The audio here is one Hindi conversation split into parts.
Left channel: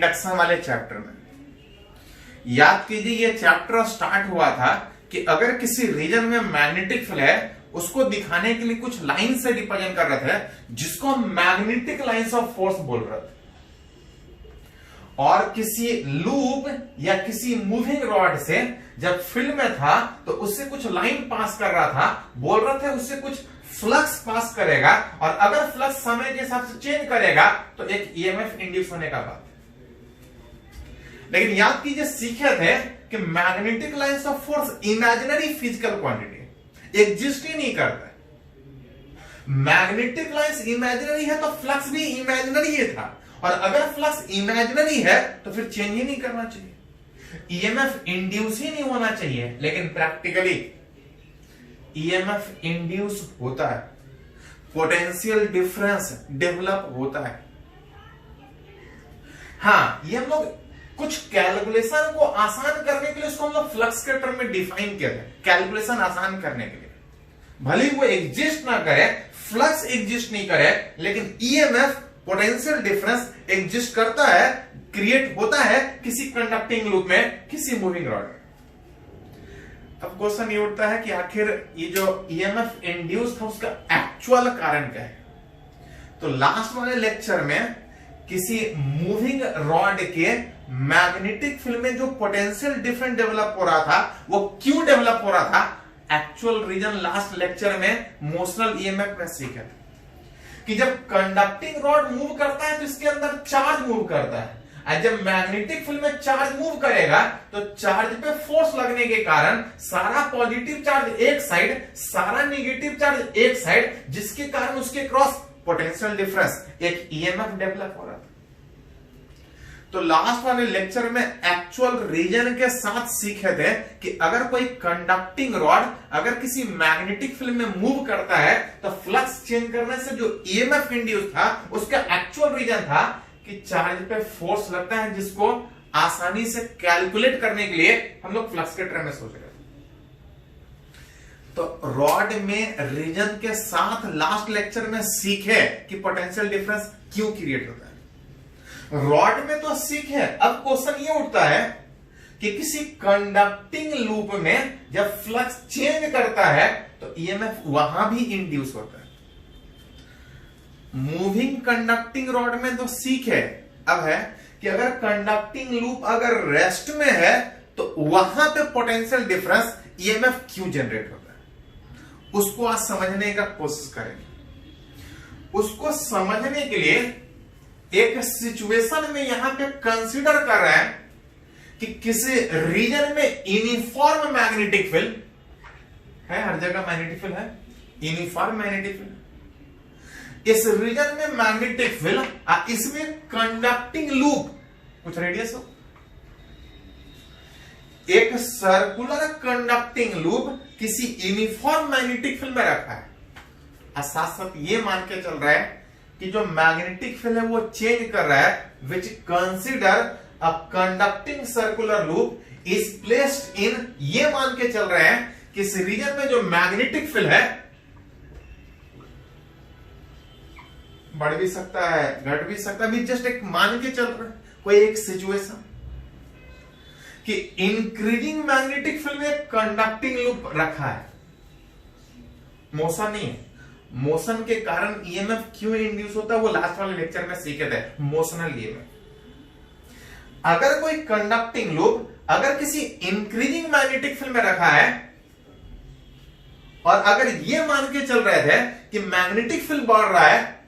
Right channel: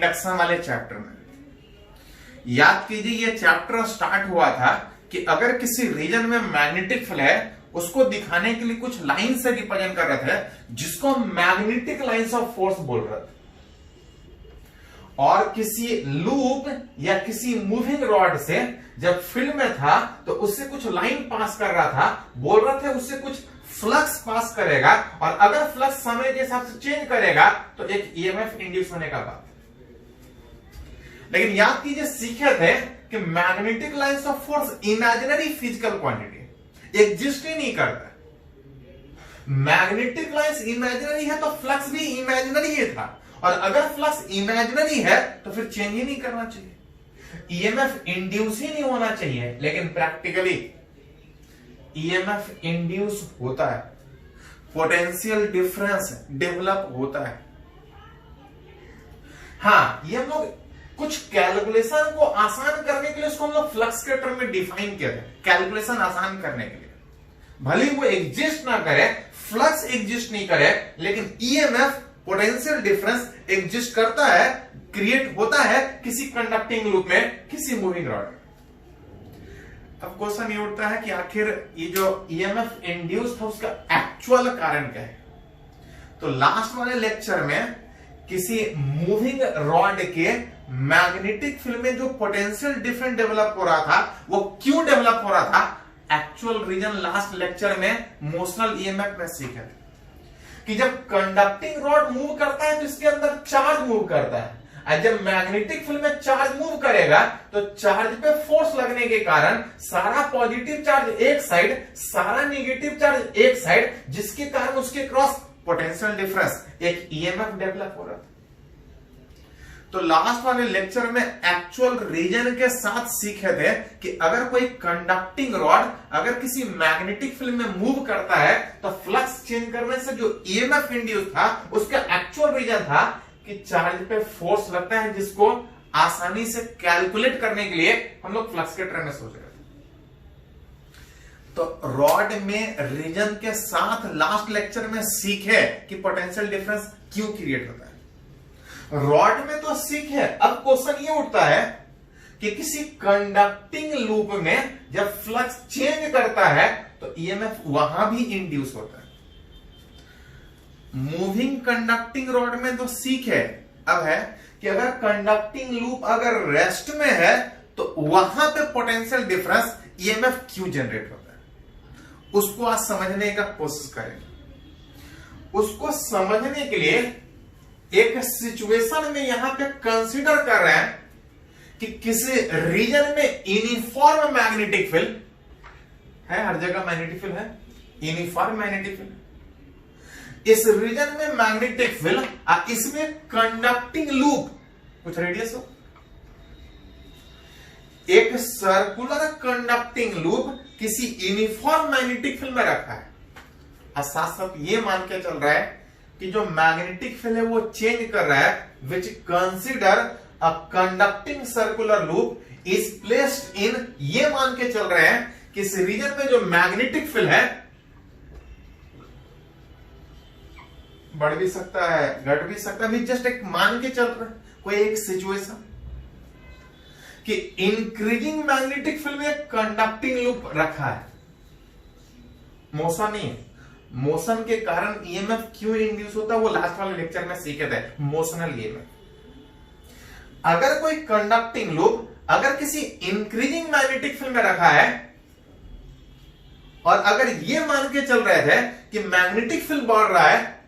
इंडक्शन वाले चैप्टर में। याद कीजिए ये चैप्टर स्टार्ट हुआ था कि अगर किसी रीजन में मैग्नेटिक फील्ड है उसको दिखाने के लिए कुछ लाइन से रिप्रेजेंट कर रहे थे जिसको मैग्नेटिक लाइंस ऑफ फोर्स बोल रहे थे, और किसी लूप या किसी मूविंग रॉड से जब फील्ड में था तो उससे कुछ लाइन पास कर रहा था, बोल रहे थे उससे कुछ फ्लक्स पास करेगा, और अगर फ्लक्स समय के हिसाब से चेंज करेगा तो एक ईएमएफ इंड्यूस होने का बात। लेकिन याद कीजिए सीखे थे कि magnetic lines of force imaginary physical quantity exist ही नहीं करता। मैग्नेटिक लाइंस इमेजिनरी है तो फ्लक्स भी इमेजिनरी ही था, और अगर फ्लक्स इमेजिनरी है तो फिर चेंज ही नहीं करना चाहिए, ईएमएफ इंड्यूस ही नहीं होना चाहिए। लेकिन प्रैक्टिकली ईएमएफ इंड्यूस होता है, पोटेंशियल डिफरेंस डेवलप होता है। हाँ, ये हम लोग कुछ कैलकुलेशन को आसान करने के लिए उसको हम लोग फ्लक्स के टर्म में डिफाइन किया था, कैलकुलेशन आसान करने के लिए। भले ही वो एग्जिस्ट ना करे, फ्लक्स एग्जिस्ट नहीं करे, लेकिन ईएमएफ पोटेंशियल डिफरेंस एग्जिस्ट करता है, क्रिएट होता है किसी कंडक्टिंग लूप में, किसी मूविंग रॉड में। अब क्वेश्चन ये उठता है कि आखिर ये जो ईएमएफ इंड्यूस था उसका एक्चुअल कारण क्या है। तो लास्ट वाले लेक्चर में किसी मूविंग रॉड के मैग्नेटिक फील्ड में जो पोटेंशियल डिफरेंस डेवलप हो रहा था वो क्यों डेवलप हो रहा था, एक्चुअल रीजन लास्ट लेक्चर में मोशनल ईएमएफ में सीखा था कि जब कंडक्टिंग रॉड मूव करता है तो इसके अंदर चार्ज मूव करता है, और जब मैग्नेटिक फील्ड में चार्ज मूव करेगा तो चार्ज पे फोर्स लगने के कारण सारा पॉजिटिव चार्ज एक साइड, सारा नेगेटिव चार्ज एक साइड, जिसके कारण उसके क्रॉस पोटेंशियल डिफरेंस एक ईएमएफ डेवलप हो रहा था। तो लास्ट वाले लेक्चर में एक्चुअल रीजन के साथ सीखे थे कि अगर कोई कंडक्टिंग रॉड अगर किसी मैग्नेटिक फील्ड में मूव करता है तो फ्लक्स चेंज करने से जो ईएमएफ इंड्यूस था उसका एक्चुअल रीजन था कि चार्ज पे फोर्स लगता है, जिसको आसानी से कैलकुलेट करने के लिए हम लोग फ्लक्स के टर्म में सोच रहे थे। तो रॉड में रीजन के साथ लास्ट लेक्चर में सीखे कि पोटेंशियल डिफरेंस क्यों क्रिएट होता है। रॉड में तो सीखे, अब क्वेश्चन ये उठता है कि किसी कंडक्टिंग लूप में जब फ्लक्स चेंज करता है तो ईएमएफ वहां भी इंड्यूस होता है। मूविंग कंडक्टिंग रॉड में तो सीखे, अब है कि अगर कंडक्टिंग लूप अगर रेस्ट में है तो वहां पे पोटेंशियल डिफरेंस ईएमएफ क्यों जनरेट होता है, उसको आज समझने का कोशिश करेंगे। उसको समझने के लिए एक सिचुएशन में यहां पे कंसीडर कर रहे हैं कि किसी रीजन में यूनिफॉर्म मैग्नेटिक फील्ड है, हर जगह मैग्नेटिक फील्ड है, यूनिफॉर्म मैग्नेटिक फील्ड, इस रीजन में मैग्नेटिक फील्ड, इसमें कंडक्टिंग लूप कुछ रेडियस हो, एक सर्कुलर कंडक्टिंग लूप किसी यूनिफॉर्म मैग्नेटिक फील्ड में रखा है, और साथ साथ ये मान के चल रहा है कि जो मैग्नेटिक फील्ड है वो चेंज कर रहा है, which consider a conducting circular loop is placed in, ये मान के चल रहे हैं कि इस रीजन में जो मैग्नेटिक फील्ड है बढ़ भी सकता है, घट भी सकता है, जस्ट एक मान के चल रहा है कोई एक सिचुएशन कि इंक्रीजिंग मैग्नेटिक फील्ड में कंडक्टिंग लूप रखा है, मोशन नहीं है। मोशन के कारण ईएमएफ क्यों इंड्यूस होता है वो लास्ट वाले लेक्चर में सीखे थे, मोशनल ईएमएफ। अगर कोई कंडक्टिंग लूप अगर किसी इंक्रीजिंग मैग्नेटिक फील्ड में रखा है और अगर ये मान के चल रहे थे कि मैग्नेटिक फील्ड बढ़ रहा है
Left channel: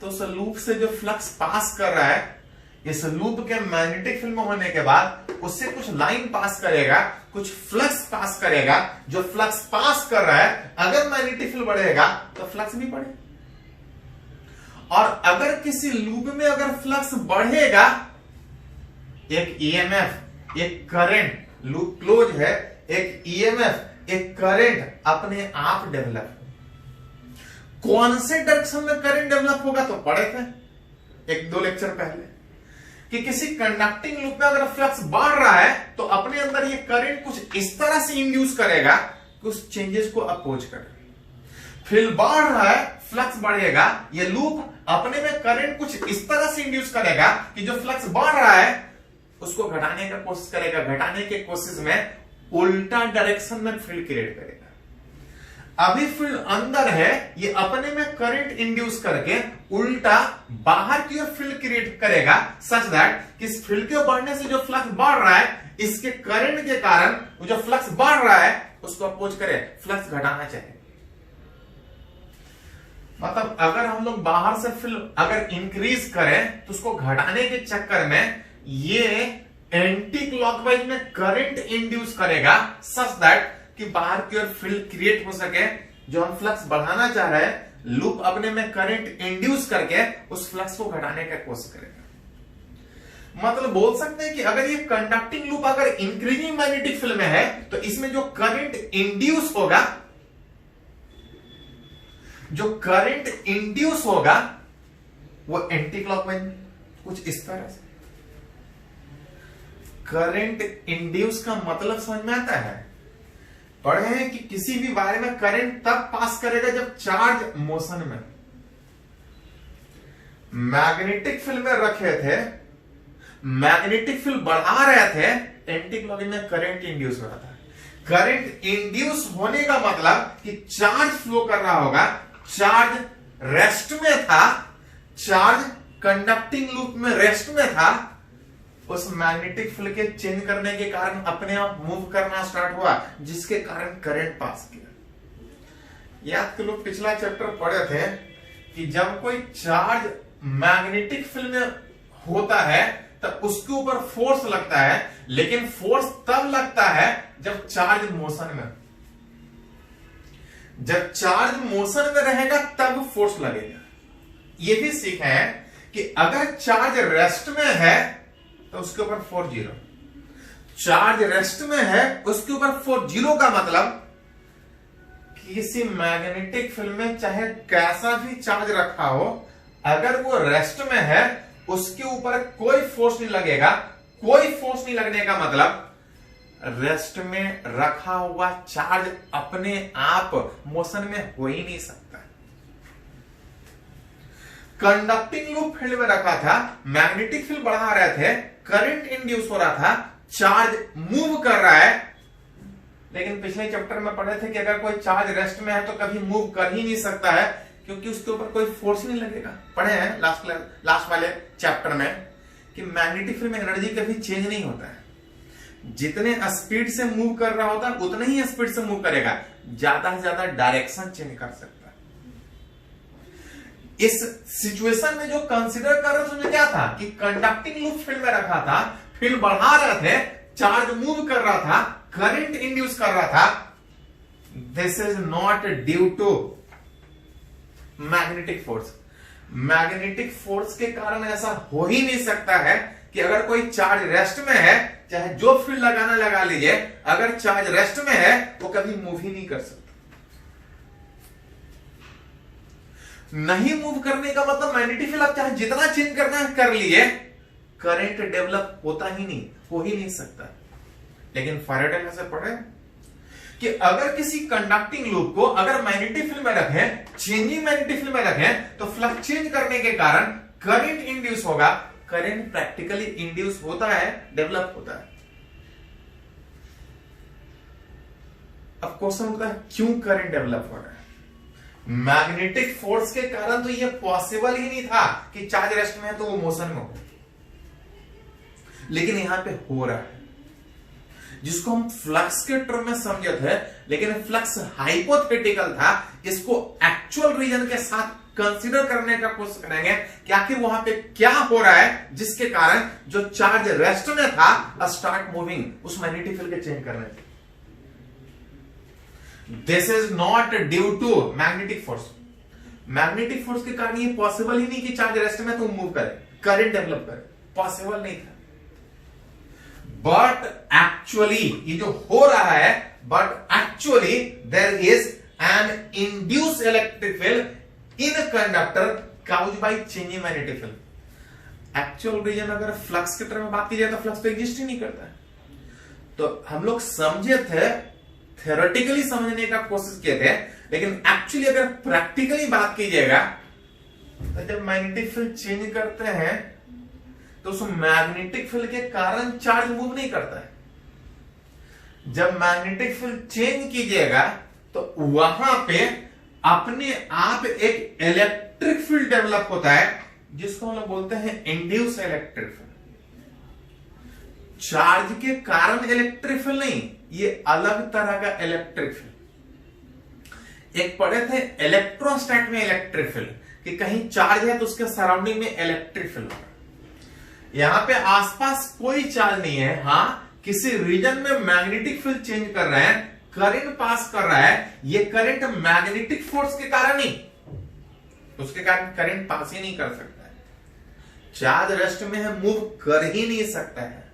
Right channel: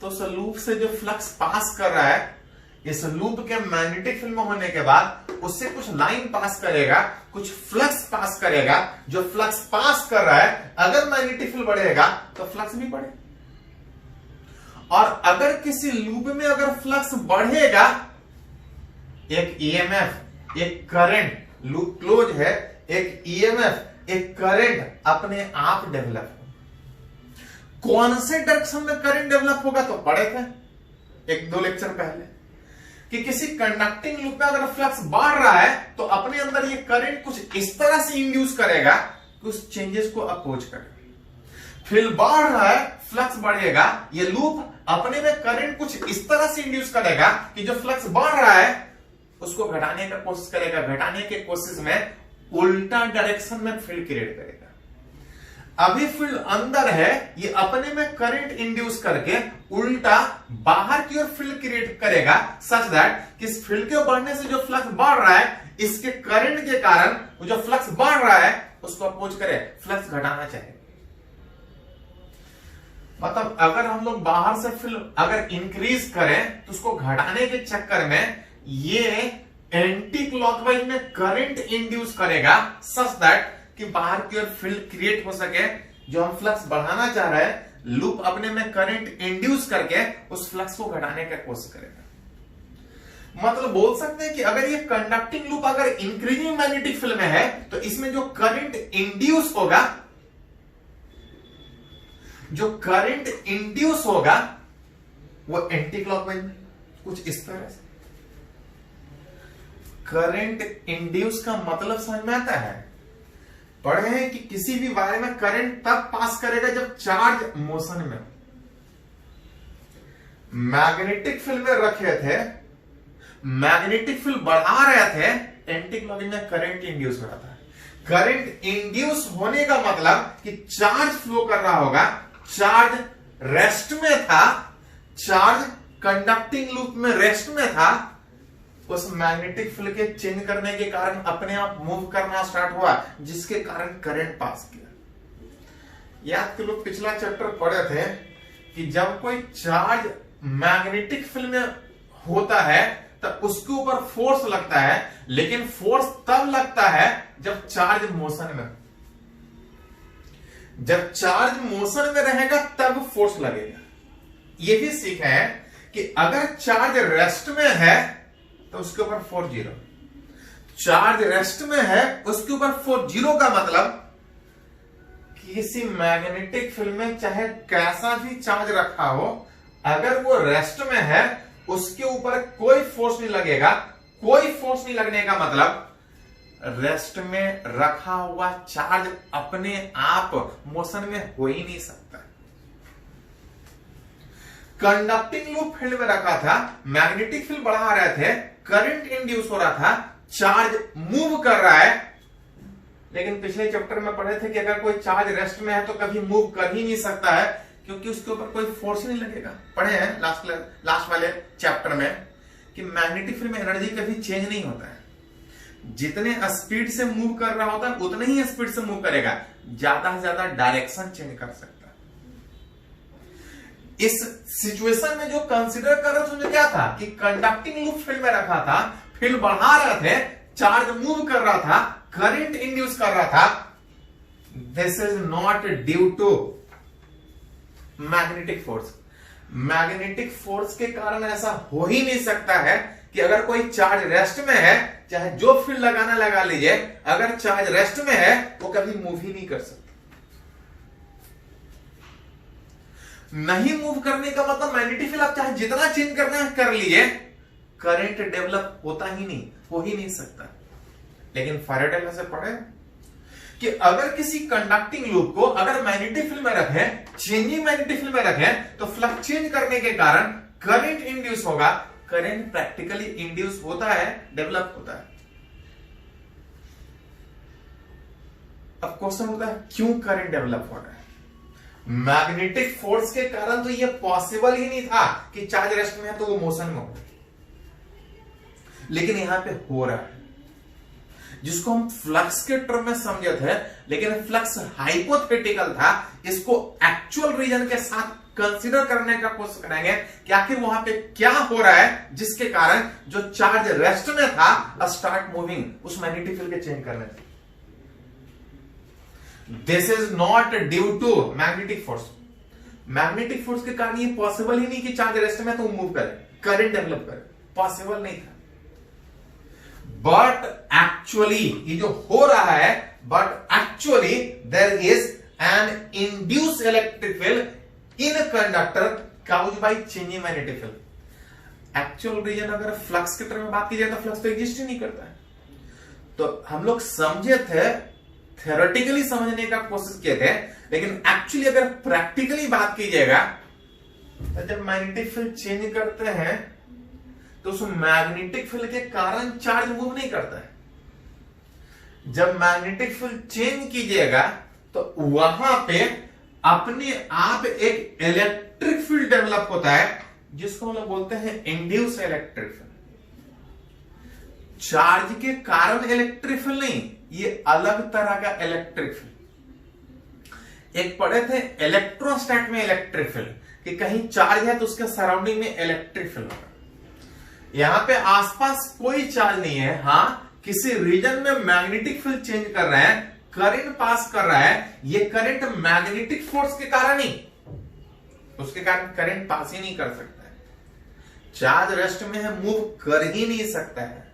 तो उस लूप से जो फ्लक्स पास कर रहा है, इस लूप के मैग्नेटिक फील्ड में होने के बाद उससे कुछ लाइन पास करेगा, कुछ फ्लक्स पास करेगा, जो फ्लक्स पास कर रहा है अगर मैग्नेटिक फील्ड बढ़ेगा तो फ्लक्स भी बढ़े, और अगर किसी लूप में अगर फ्लक्स बढ़ेगा एक ईएमएफ, एक करंट, लूप क्लोज है, एक ईएमएफ, एक करंट अपने आप डेवलप। कौन से डायरेक्शन में करंट डेवलप होगा तो पढ़े थे एक दो लेक्चर पहले कि किसी कंडक्टिंग लूप में अगर फ्लक्स बढ़ रहा है तो अपने अंदर ये करंट कुछ इस तरह से इंड्यूस करेगा कि उस चेंजेस को अपोज करे। फील्ड बढ़ रहा है, फ्लक्स बढ़ेगा। ये लूप अपने में करंट कुछ इस तरह से इंड्यूस करेगा कि जो फ्लक्स बढ़ रहा है उसको घटाने का कोशिश करेगा। घटाने के कोशिश में उल्टा डायरेक्शन में फील्ड क्रिएट करेगा। अभी फील्ड अंदर है, ये अपने में करंट इंड्यूस करके उल्टा बाहर की ओर फील्ड क्रिएट करेगा, सच दैट इस फील्ड के बढ़ने से जो फ्लक्स बढ़ रहा है, इसके करंट के कारण जो फ्लक्स बढ़ रहा है उसको अपोज करे, फ्लक्स घटाना चाहिए। मतलब अगर हम लोग बाहर से फील्ड अगर इंक्रीज करें तो उसको घटाने के चक्कर में ये एंटी क्लॉकवाइज में करंट इंड्यूस करेगा, सच दैट कि बाहर की ओर फील्ड क्रिएट हो सके। जो हम फ्लक्स बढ़ाना चाह रहे हैं, लूप अपने में करंट इंड्यूस करके उस फ्लक्स को घटाने का कोशिश करेगा। मतलब बोल सकते हैं कि अगर ये कंडक्टिंग लूप अगर इंक्रीजिंग मैग्नेटिक फील्ड में है तो इसमें जो करंट इंड्यूस होगा, जो करंट इंड्यूस होगा वो एंटी क्लॉकवाइज में कुछ इस तरह से। करंट इंड्यूस का मतलब समझ में आता है? पढ़े हैं कि किसी भी वायर में करंट तब पास करेगा जब चार्ज मोशन में। मैग्नेटिक फील्ड में रखे थे, मैग्नेटिक फील्ड बढ़ा रहे थे, एंटी क्लॉकवाइज में करंट इंड्यूस हो रहा था। करंट इंड्यूस होने का मतलब कि चार्ज फ्लो कर रहा होगा, चार्ज रेस्ट में था, चार्ज कंडक्टिंग लूप में रेस्ट में था, उस मैग्नेटिक फील्ड के चेंज करने के कारण अपने आप मूव करना स्टार्ट हुआ, जिसके कारण करंट पास किया। याद के लोग पिछला चैप्टर पढ़े थे कि जब कोई चार्ज मैग्नेटिक फील्ड में होता है तब उसके ऊपर फोर्स लगता है, लेकिन फोर्स तब लगता है जब चार्ज मोशन में। जब चार्ज मोशन में रहेगा तब फोर्स लगेगा। यह भी सीखा है कि अगर चार्ज रेस्ट में है तो उसके ऊपर फोर्स जीरो। चार्ज रेस्ट में है उसके ऊपर फोर्स जीरो का मतलब किसी मैग्नेटिक फील्ड में चाहे कैसा भी चार्ज रखा हो, अगर वो रेस्ट में है उसके ऊपर कोई फोर्स नहीं लगेगा। कोई फोर्स नहीं लगने का मतलब रेस्ट में रखा हुआ चार्ज अपने आप मोशन में हो ही नहीं सकता। कंडक्टिंग लूप फील्ड में रखा था, मैग्नेटिक फील्ड बढ़ा रहे थे, करंट इंड्यूस हो रहा था, चार्ज मूव कर रहा है। लेकिन पिछले चैप्टर में पढ़े थे कि अगर कोई चार्ज रेस्ट में है तो कभी मूव कर ही नहीं सकता है, क्योंकि उसके ऊपर कोई फोर्स ही नहीं लगेगा। पढ़े हैं लास्ट वाले चैप्टर में कि मैग्नेटिक फील्ड में एनर्जी कभी चेंज नहीं होता है। जितने स्पीड से मूव कर रहा होता है उतने ही स्पीड से मूव करेगा, ज्यादा से ज्यादा डायरेक्शन चेंज कर सकता है। इस सिचुएशन में जो कंसीडर कर रहे थे उसमें क्या था कि कंडक्टिंग लूप फील्ड में रखा था, फील्ड बढ़ा रहे थे, चार्ज मूव कर रहा था, करंट इंड्यूस कर रहा था। This is not due to magnetic force. Magnetic force के कारण ऐसा हो ही नहीं सकता है कि अगर कोई चार्ज रेस्ट में है, चाहे जो फील्ड लगाना लगा लीजिए, अगर चार्ज रेस्ट में है वो कभी मूव ही नहीं कर सकता। नहीं मूव करने का मतलब मैग्नेटिक फील्ड आप चाहे जितना चेंज करना है कर लिए, करंट डेवलप होता ही नहीं, हो ही नहीं सकता। लेकिन फैराडे में से पढ़े कि अगर किसी कंडक्टिंग लूप को अगर मैग्नेटिक फील्ड में रखें, चेंजिंग मैग्नेटिक फील्ड में रखें, तो फ्लक्स चेंज करने के कारण करंट इंड्यूस होगा। करंट प्रैक्टिकली इंड्यूस होता है, डेवलप होता है। अब क्वेश्चन होता है क्यों करंट डेवलप हो रहा है? मैग्नेटिक फोर्स के कारण तो ये पॉसिबल ही नहीं था कि चार्ज रेस्ट में है तो वो मोशन में हो, लेकिन यहां पे हो रहा है, जिसको हम फ्लक्स के टर्म में समझे थे। लेकिन फ्लक्स हाइपोथेटिकल था, इसको एक्चुअल रीजन के साथ कंसीडर करने का कोशिश करेंगे कि आखिर वहां पे क्या हो रहा है जिसके कारण जो चार्ज रेस्ट में था स्टार्ट मूविंग, उस मैग्नेटिक फील्ड के चेंज करने से। This is not due to magnetic force. Magnetic force के कारण ये पॉसिबल ही नहीं कि चार्ज रेस्ट में तो मूव करे, करंट डेवलप करे, पॉसिबल नहीं था। बट एक्चुअली ये जो हो रहा है, but actually there is an induce electric field in conductor cause by changing magnetic field. Actual reason अगर फ्लक्स के तरह में बात की जाए तो फ्लक्स तो एग्जिस्ट ही नहीं करता है। तो हम लोग समझे थे, थ्योरेटिकली समझने का कोशिश किए थे लेकिन एक्चुअली अगर प्रैक्टिकली बात कीजिएगा तो जब मैग्नेटिक फील्ड चेंज करते हैं तो उस मैग्नेटिक फील्ड के कारण चार्ज मूव नहीं करता है। जब मैग्नेटिक फील्ड चेंज कीजिएगा तो वहां पे अपने आप एक इलेक्ट्रिक फील्ड डेवलप होता है जिसको हम लोग बोलते हैं इंड्यूस इलेक्ट्रिक फील्ड। चार्ज के कारण इलेक्ट्रिक फील्ड नहीं, ये अलग तरह का इलेक्ट्रिक फील्ड। एक पढ़े थे इलेक्ट्रोस्टैट में इलेक्ट्रिक फील्ड कि कहीं चार्ज है तो उसके सराउंडिंग में इलेक्ट्रिक फील्ड होगा। यहां पे आसपास कोई चार्ज नहीं है, हाँ किसी रीजन में मैग्नेटिक फील्ड चेंज कर रहा है, करंट पास कर रहा है, ये करंट मैग्नेटिक फोर्स के कारण नहीं, उसके कारण करंट पास ही नहीं कर सकता है। चार्ज रेस्ट में है, मूव कर ही नहीं सकता है।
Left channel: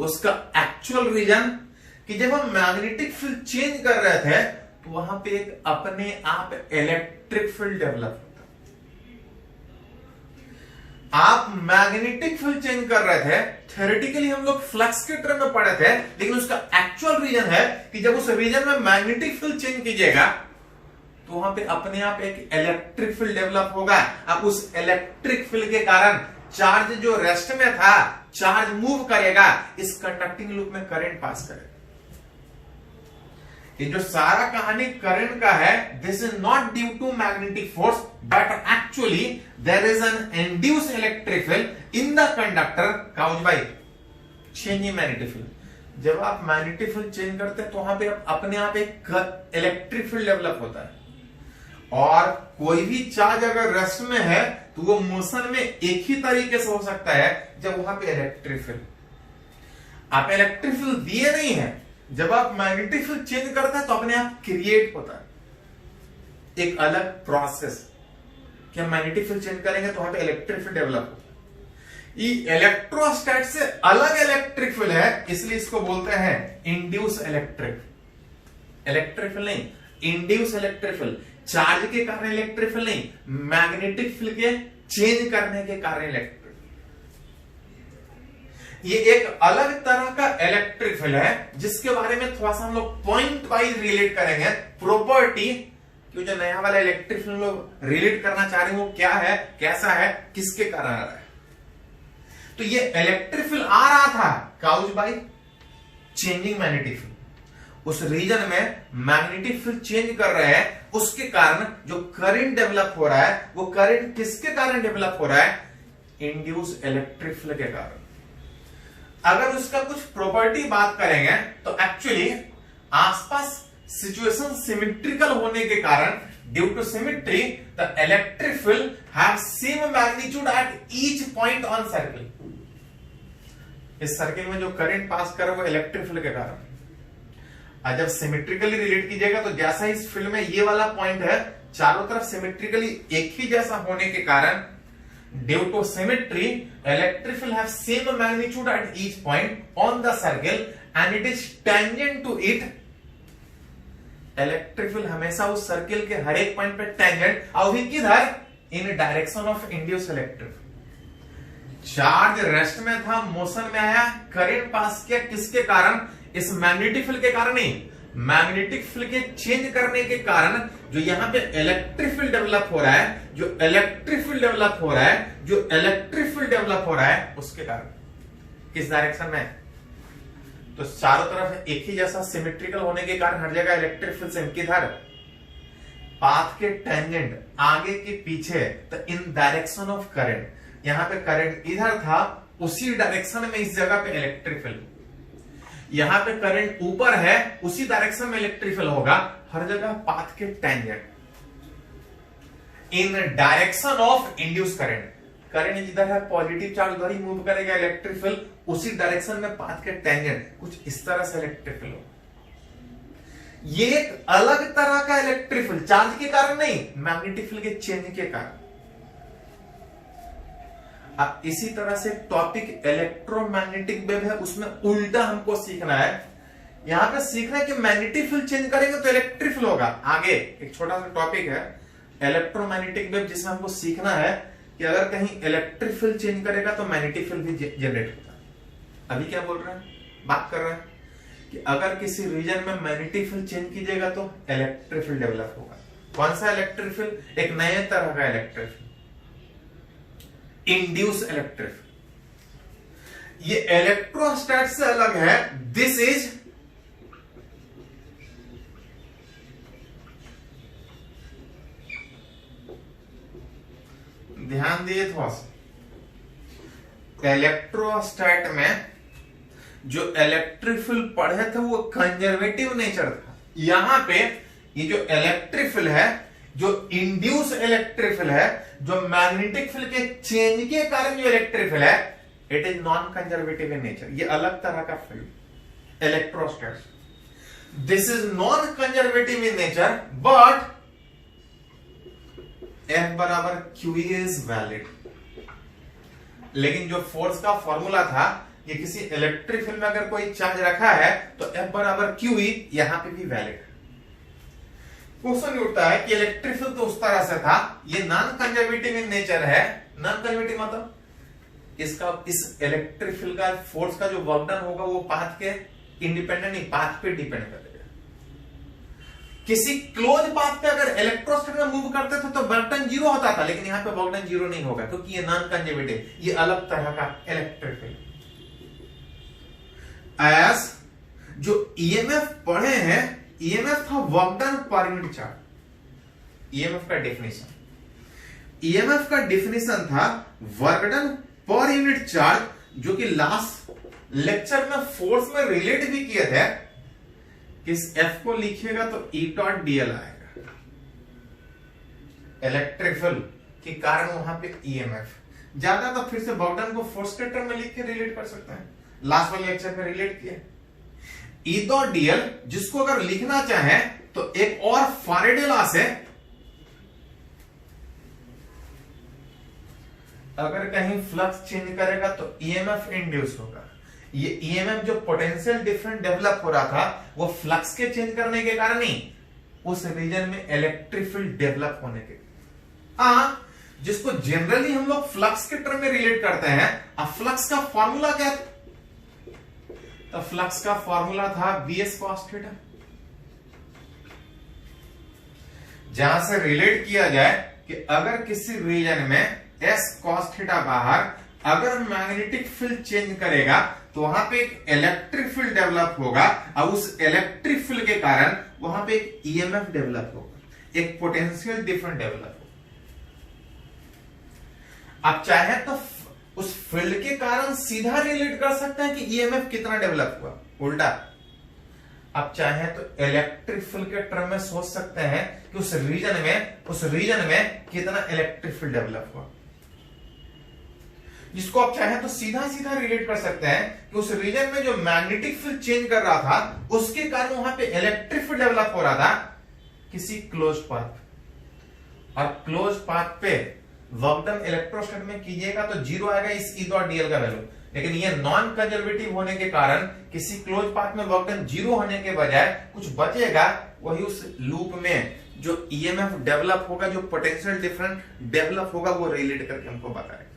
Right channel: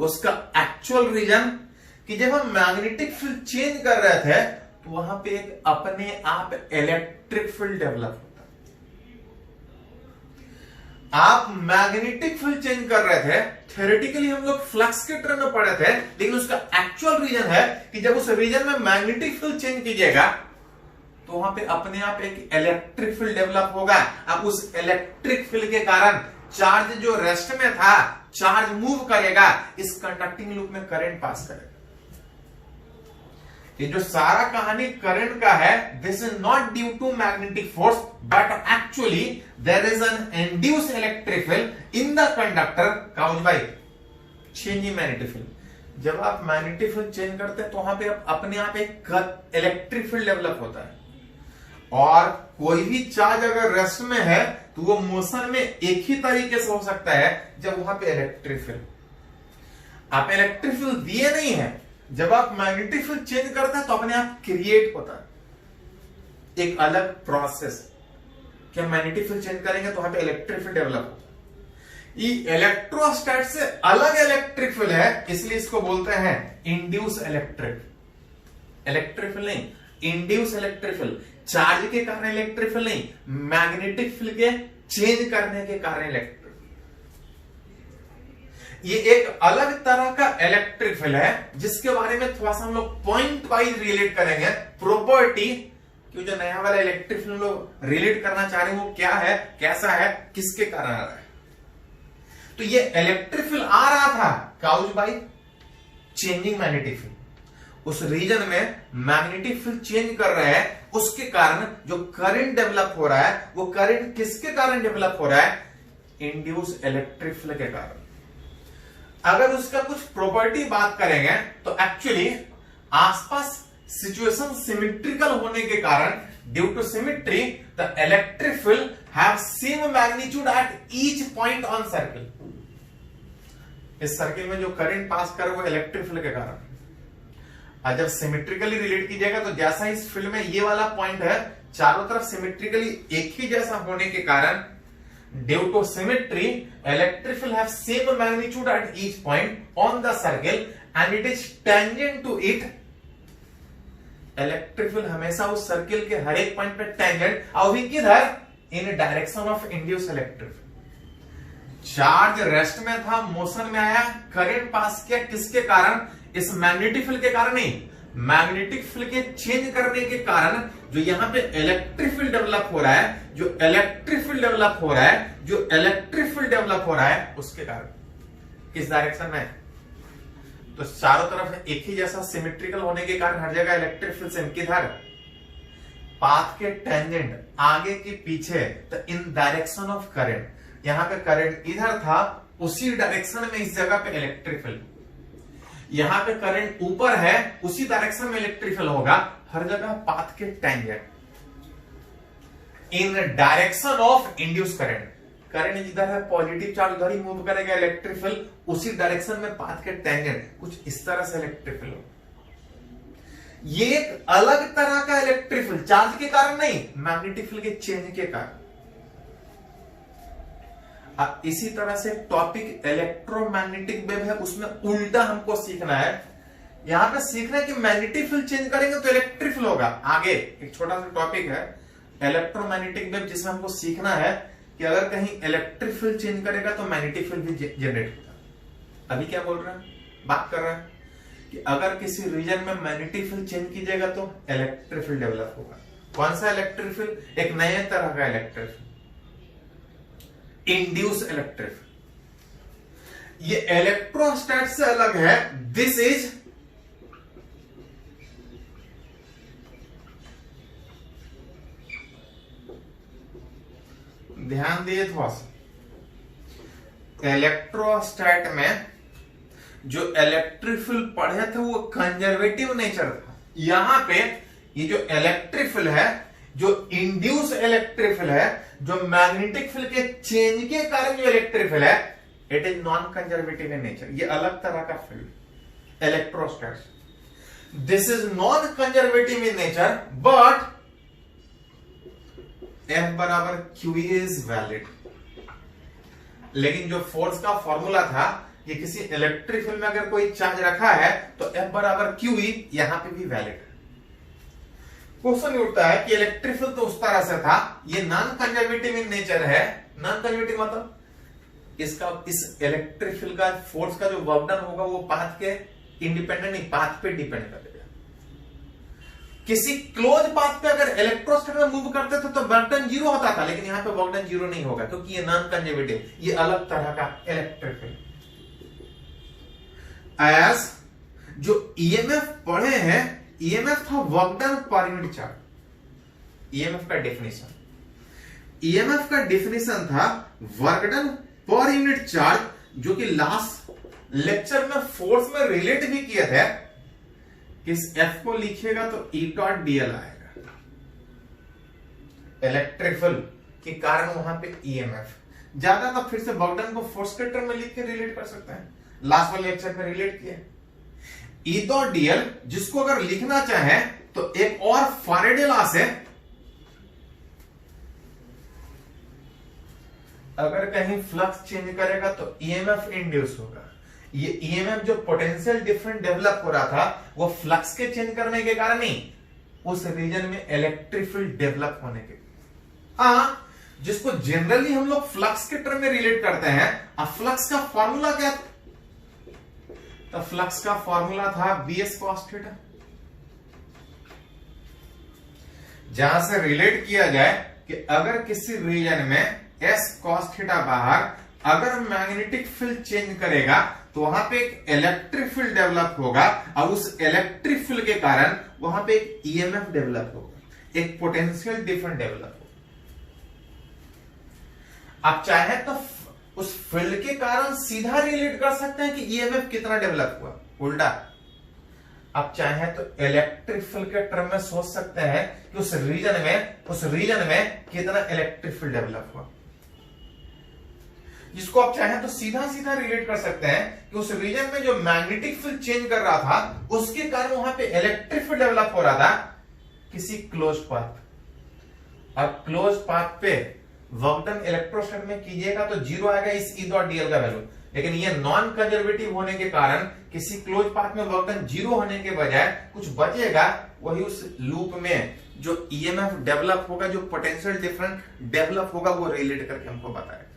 उसका एक्चुअल रीजन कि जब हम मैग्नेटिक फील्ड चेंज कर रहे थे तो वहां पे एक अपने आप इलेक्ट्रिक फील्ड डेवलप होता है। आप मैग्नेटिक फील्ड चेंज कर रहे थे, थ्योरेटिकली हम लोग फ्लक्स के टर्म में पढ़े थे, लेकिन उसका एक्चुअल रीजन है कि जब उस रीजन में मैग्नेटिक फील्ड चेंज कीजिएगा तो वहां पे अपने आप एक इलेक्ट्रिक फील्ड डेवलप होगा। अब उस इलेक्ट्रिक फील्ड के कारण चार्ज जो रेस्ट में था, चार्ज मूव करेगा, इस कंडक्टिंग लूप में करंट पास करेगा। ये जो सारा कहानी करंट का है, this is not due to magnetic force but actually there is an induce electric field in the conductor caused by changing magnetic field. जब आप मैग्नेटिक फील्ड चेंज करते हैं तो वहां पे अपने आप एक इलेक्ट्रिक फील्ड डेवलप होता है। और कोई भी चार्ज अगर रेस्ट में है तो वो मोशन में एक ही तरीके से हो सकता है जब वहां पे इलेक्ट्रिक फील्ड, आप इलेक्ट्रिक फील्ड दिए नहीं है, जब आप मैग्नेटिक फील्ड चेंज करते हैं तो अपने आप क्रिएट होता है एक अलग प्रोसेस कि हम मैग्नेटिक फील्ड चेंज करेंगे तो वहां पे इलेक्ट्रिक फील्ड डेवलप होता है। ये इलेक्ट्रोस्टैट से अलग इलेक्ट्रिक फील्ड है, इसलिए इसको बोलते हैं इंड्यूस इलेक्ट्रिक फील्ड नहीं, इंड्यूस इलेक्ट्रिक फील्ड। चार्ज के कारण इलेक्ट्रिक फील्ड नहीं, मैग्नेटिक फील्ड के चेंज करने के कारण इलेक्ट्रिक। ये एक अलग तरह का इलेक्ट्रिक फील्ड है जिसके बारे में थोड़ा सा हम लोग पॉइंट वाइज रिलेट करेंगे। प्रॉपर्टी कि जो नया वाला इलेक्ट्रिक फील्ड लोग रिलेट करना चाह रहे हैं वो क्या है, कैसा है, किसके कारण आ रहा है। तो ये इलेक्ट्रिक फील्ड आ रहा था caused by changing magnetic field. उस रीजन में मैग्नेटिक फील्ड चेंज कर रहे हैं, उसके कारण जो करंट डेवलप हो रहा है वो करंट किसके कारण डेवलप हो रहा है, इंड्यूस इलेक्ट्रिक फील्ड के कारण। अगर उसका कुछ प्रॉपर्टी बात करेंगे तो एक्चुअली आसपास सिचुएशन सिमेट्रिकल होने के कारण due to symmetry the electric field have same magnitude at each point on circle. इस सर्किल में जो करंट पास कर वो इलेक्ट्रिक फील्ड के कारण। और जब सिमेट्रिकली रिलेट कीजिएगा तो जैसा इस फील्ड में ये वाला पॉइंट है, चारों तरफ सिमेट्रिकली एक ही जैसा होने के कारण due to symmetry electric field have same magnitude at each point on the circle and it is tangent to it. Electric field हमेशा उस सर्किल के हर एक पॉइंट पे टेंजेंट, और भी किधर, इन direction of induce electric. Charge rest में था, मोशन में आया, करंट पास किया, किसके कारण, इस मैग्नेटिक फील्ड के कारण नहीं, मैग्नेटिक फील्ड के चेंज करने के कारण जो यहां पे इलेक्ट्रिक फील्ड डेवलप हो रहा है, जो इलेक्ट्रिक फील्ड डेवलप हो रहा है, जो इलेक्ट्रिक फील्ड डेवलप हो रहा है उसके कारण किस डायरेक्शन में, तो चारों तरफ एक ही जैसा सिमेट्रिकल होने के कारण हर जगह इलेक्ट्रिक फील्ड सेम, किधर, पाथ के टेंजेंट, आगे के पीछे, तो इन डायरेक्शन ऑफ करंट। यहां पे करंट इधर था, उसी डायरेक्शन में इस जगह पे इलेक्ट्रिक फील्ड, यहां पे करंट ऊपर है, उसी डायरेक्शन में इलेक्ट्रिक फील्ड होगा, हर जगह पाथ के tangent, in direction of induce current. Current जिधर है पॉजिटिव चार्ज उधर ही मूव करेगा इलेक्ट्रिक फील्ड, उसी डायरेक्शन में पाथ के टेंजेंट, कुछ इस तरह से इलेक्ट्रिक फील्ड होगा। ये एक अलग तरह का इलेक्ट्रिक फील्ड, चार्ज के कारण नहीं, मैग्नेटिक फील्ड के चेंज के कारण। अब इसी तरह से टॉपिक इलेक्ट्रोमैग्नेटिक वेव है, उसमें उल्टा हमको सीखना है। यहां पे सीखना है कि मैग्नेटिक फील्ड चेंज करेंगे तो इलेक्ट्रिक फील्ड होगा। आगे एक छोटा सा टॉपिक है इलेक्ट्रोमैग्नेटिक वेव, जिसमें हमको सीखना है कि अगर कहीं इलेक्ट्रिक फील्ड चेंज करेगा तो मैग्नेटिक फील्ड भी जनरेट होगा। अभी क्या बोल रहे हैं, बात कर रहे हैं कि अगर किसी रीजन में मैग्नेटिक फील्ड चेंज कीजिएगा तो इलेक्ट्रिक फील्ड डेवलप होगा। कौन सा इलेक्ट्रिक फील्ड? एक नए तरह का electric field, induce electric field. ये इलेक्ट्रोस्टैट से अलग है। दिस इज ध्यान दिए थोड़ा सा, इलेक्ट्रोस्टैट में जो इलेक्ट्रिक फील्ड पढ़े थे वो कंजर्वेटिव नेचर था। यहां पे ये जो इलेक्ट्रिक फील्ड है, जो इंड्यूस इलेक्ट्रिक फील्ड है, जो मैग्नेटिक फील्ड के चेंज के कारण जो इलेक्ट्रिक फील्ड है, it is non conservative in nature. ये अलग तरह का field electrostatic. This is non conservative in nature but F बराबर क्यू इज वैलिड। लेकिन जो फोर्स का फॉर्मूला था, ये किसी इलेक्ट्रिक फील्ड में अगर कोई चार्ज रखा है तो F बराबर क्यू ई यहां पे भी वैलिड है। क्वेश्चन उठता है कि इलेक्ट्रिक फील्ड तो उस तरह से था, ये नॉन कंजर्वेटिव इन नेचर है। नॉन कंजर्वेटिव मतलब इसका, इस इलेक्ट्रिक फील्ड का फोर्स का जो वर्क डन होगा वो पाथ के इंडिपेंडेंट नहीं, पाथ पे डिपेंड करेगा। किसी क्लोज पाथ पे अगर इलेक्ट्रोस्टैट में मूव करते थे तो वर्क डन जीरो होता था, लेकिन यहां पे वर्क डन जीरो नहीं होगा क्योंकि ये नॉन कंजर्वेटिव, ये अलग तरह का इलेक्ट्रिक फील्ड। एज जो ईएमएफ पढ़े हैं, ईएमएफ था work done per unit charge. EMF का डेफिनेशन, ईएमएफ का डेफिनेशन था work done per unit charge, जो कि लास्ट लेक्चर में फोर्स में रिलेट भी किया था। इस F को लिखिएगा तो E डॉट dl आएगा, इलेक्ट्रिक फील्ड के कारण वहां पे EMF ज्यादा। तो फिर से वर्क डन को फोर्स के टर्म में लिख के रिलेट कर सकता है, लास्ट वाले लेक्चर में रिलेट किया। E डॉट dl जिसको अगर लिखना चाहे तो एक और फैराडे लॉ से अगर कहीं फ्लक्स चेंज करेगा तो EMF इंड्यूस होगा। ये EMF जो पोटेंशियल डिफरेंस डेवलप हो रहा था वो फ्लक्स के चेंज करने के कारण नहीं, उस रीजन में इलेक्ट्रिक फील्ड डेवलप होने के। जिसको जनरली हम लोग फ्लक्स के टर्म में रिलेट करते हैं। अब फ्लक्स का फॉर्मूला क्या था? तो फ्लक्स का फॉर्मूला था BS cos थीटा। जहां से रिलेट किया जाए कि अगर किसी रीजन में S cos थीटा बाहर अगर मैग्नेटिक फील्ड चेंज करेगा तो वहां पे एक इलेक्ट्रिक फील्ड डेवलप होगा और उस इलेक्ट्रिक फील्ड के कारण वहां पे एक ईएमएफ डेवलप होगा, एक पोटेंशियल डिफरेंस डेवलप होगा। आप चाहे तो उस फील्ड के कारण सीधा रिलेट कर सकते हैं कि ईएमएफ कितना डेवलप हुआ। उल्टा आप चाहे तो इलेक्ट्रिक फील्ड के टर्म में सोच सकते हैं कि उस रीजन में कितना इलेक्ट्रिक फील्ड डेवलप हुआ। जिसको आप चाहें तो सीधा सीधा रिलेट कर सकते हैं कि उस रीजन में जो मैग्नेटिक फील्ड चेंज कर रहा था उसके कारण वहां पे इलेक्ट्रिक फील्ड डेवलप हो रहा था किसी क्लोज पाथ। और क्लोज पाथ पे वर्क डन इलेक्ट्रोस्टैट में कीजिएगा तो जीरो आएगा इस E डॉट dl का वैल्यू। लेकिन ये नॉन कंजर्वेटिव होने के कारण किसी क्लोज पाथ में वर्क डन जीरो होने के बजाय कुछ बचेगा, वही उस लूप में जो EMF डेवलप होगा, जो पोटेंशियल डिफरेंस डेवलप होगा, वो रिलेट करके हमको बताएगा।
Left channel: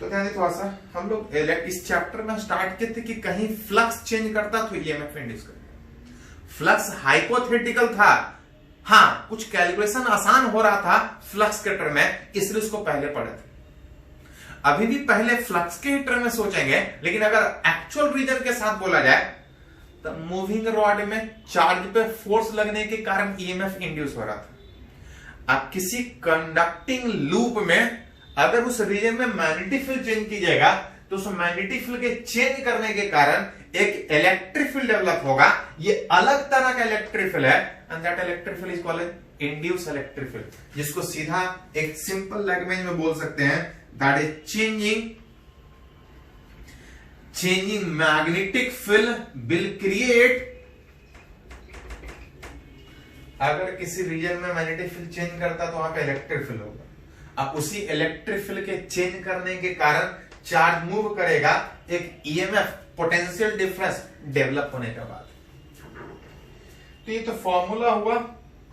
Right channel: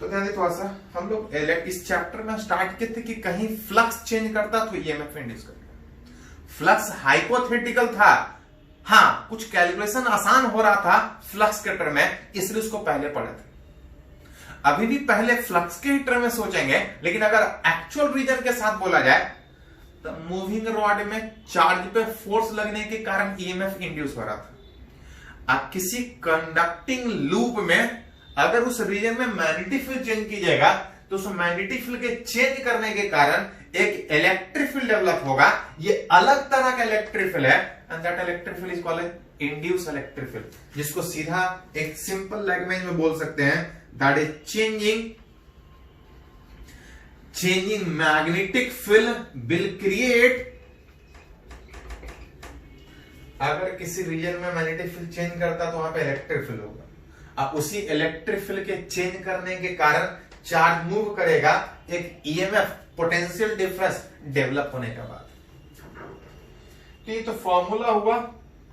तो ध्यान दीजिए थोड़ा सा, हम लोग इस चैप्टर में स्टार्ट किए थे कि कहीं फ्लक्स चेंज करता तो EMF इंड्यूस करेगा। फ्लक्स हाइपोथेटिकल था, हाँ कुछ कैलकुलेशन आसान हो रहा था फ्लक्स के टर्म में, इसलिए उसको पहले पढ़े थे। अभी भी पहले फ्लक्स के टर्म में सोचेंगे, लेकिन अगर एक्चुअल रीजन के साथ बोला जाए तो मूविंग रॉड में चार्ज पे फोर्स लगने के कारण EMF इंड्यूस हो रहा था। अब किसी कंडक्टिंग लूप में अगर उस रीजन में मैग्नेटिक फील्ड चेंज कीजिएगा तो उस मैग्नेटिक फील्ड के चेंज करने के कारण एक इलेक्ट्रिक फील्ड डेवलप होगा। ये अलग तरह का इलेक्ट्रिक फील्ड है and that electric field is called induce electric field, जिसको सीधा एक सिंपल लैंग्वेज में बोल सकते हैं that is changing magnetic field will create. अगर किसी रीजन में मैग्नेटिक फील्ड चेंज करता तो वहां पे इलेक्ट्रिक फील्ड होगा। अब उसी इलेक्ट्रिक फील्ड के चेंज करने के कारण चार्ज मूव करेगा, एक EMF पोटेंशियल डिफरेंस डेवलप होने के बाद। तो ये तो फॉर्मूला हुआ।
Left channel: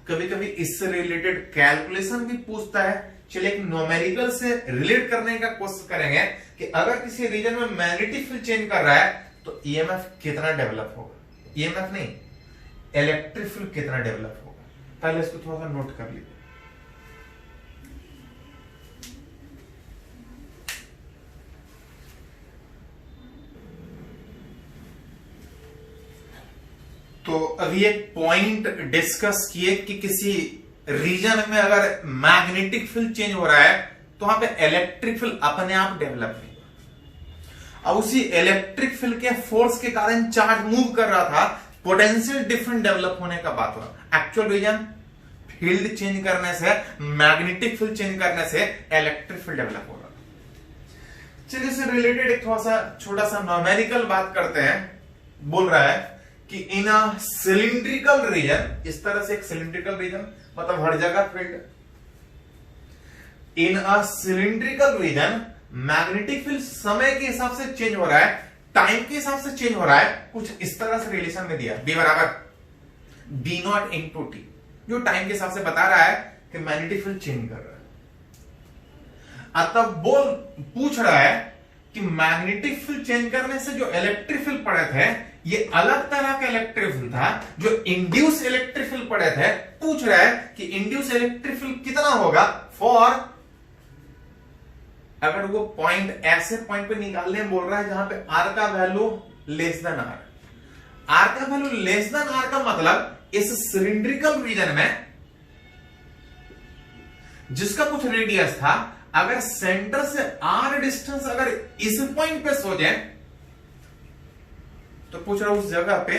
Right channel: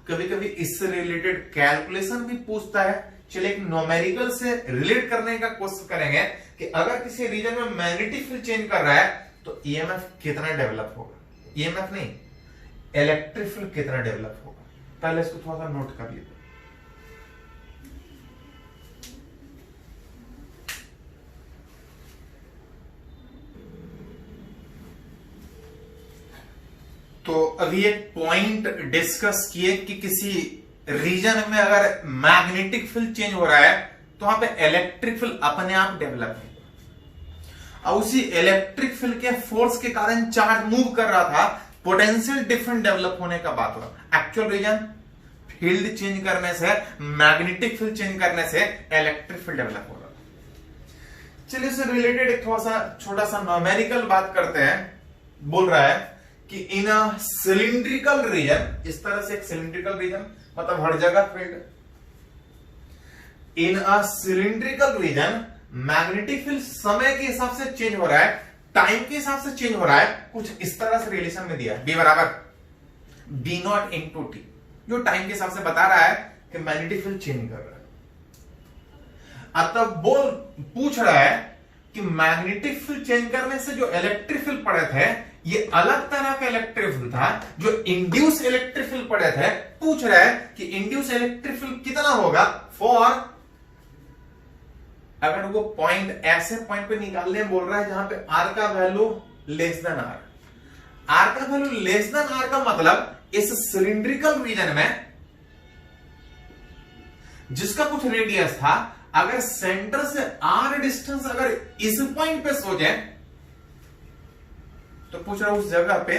कभी कभी इससे रिलेटेड कैलकुलेशन भी पूछता है। चलिए एक न्यूमेरिकल से रिलेट करने का कोशिश करेंगे कि अगर किसी रीजन में मैग्नेटिक फील्ड चेंज कर रहा है तो EMF कितना डेवलप होगा। EMF नहीं, इलेक्ट्रिक फील्ड कितना डेवलप होगा। पहले इसको थोड़ा सा नोट कर लीजिए। तो अभी एक पॉइंट डिस्कस किए कि किसी रीजन में अगर मैग्नेटिक फील्ड चेंज हो रहा है तो वहां पे इलेक्ट्रिक फील्ड अपने आप डेवलप होगा। और उसी इलेक्ट्रिक फील्ड के फोर्स के कारण चार्ज मूव कर रहा था, पोटेंशियल डिफरेंट डेवलप होने का बात हो रहा। एक्चुअल रीजन फील्ड चेंज करने से, मैग्नेटिक फील्ड चेंज करने से इलेक्ट्रिक फील्ड डेवलप होगा। चलिए इससे रिलेटेड एक थोड़ा सा छोटा सा न्यूमेरिकल बात करते हैं। बोल रहा है कि इन अ सिलिंड्रिकल रीजन, इस तरह से एक सिलिंड्रिकल रीजन मतलब हर जगह फील्ड, इन अ सिलिंड्रिकल रीजन मैग्नेटिक फील्ड समय के हिसाब से चेंज हो रहा है, टाइम के हिसाब से चेंज हो रहा है। कुछ इस तरह से रिलेशन में दिया, बी बराबर बी नॉट इंटू टी, जो टाइम के हिसाब से बता रहा है कि मैग्नेटिक फील्ड चेंज कर रहा है। तब बोल पूछ रहा है कि मैग्नेटिक फील्ड चेंज करने से जो इलेक्ट्रिक फील्ड पड़े थे, ये अलग तरह का इलेक्ट्रिक फील्ड था जो इंड्यूस इलेक्ट्रिक फील्ड पड़े थे। पूछ रहा है कि इंड्यूस इलेक्ट्रिक फील्ड कितना होगा फॉर, अगर वो पॉइंट ऐसे पॉइंट पे निकालने बोल रहा है जहां पे आर का value less than r. R का वैल्यू लेस देन आर का मतलब इस सिलिंड्रिकल रीजन में जिसका कुछ रेडियस था, अगर सेंटर से आर डिस्टेंस अगर इस पॉइंट पे सो जाए तो पूछ रहा हूं उस जगह पे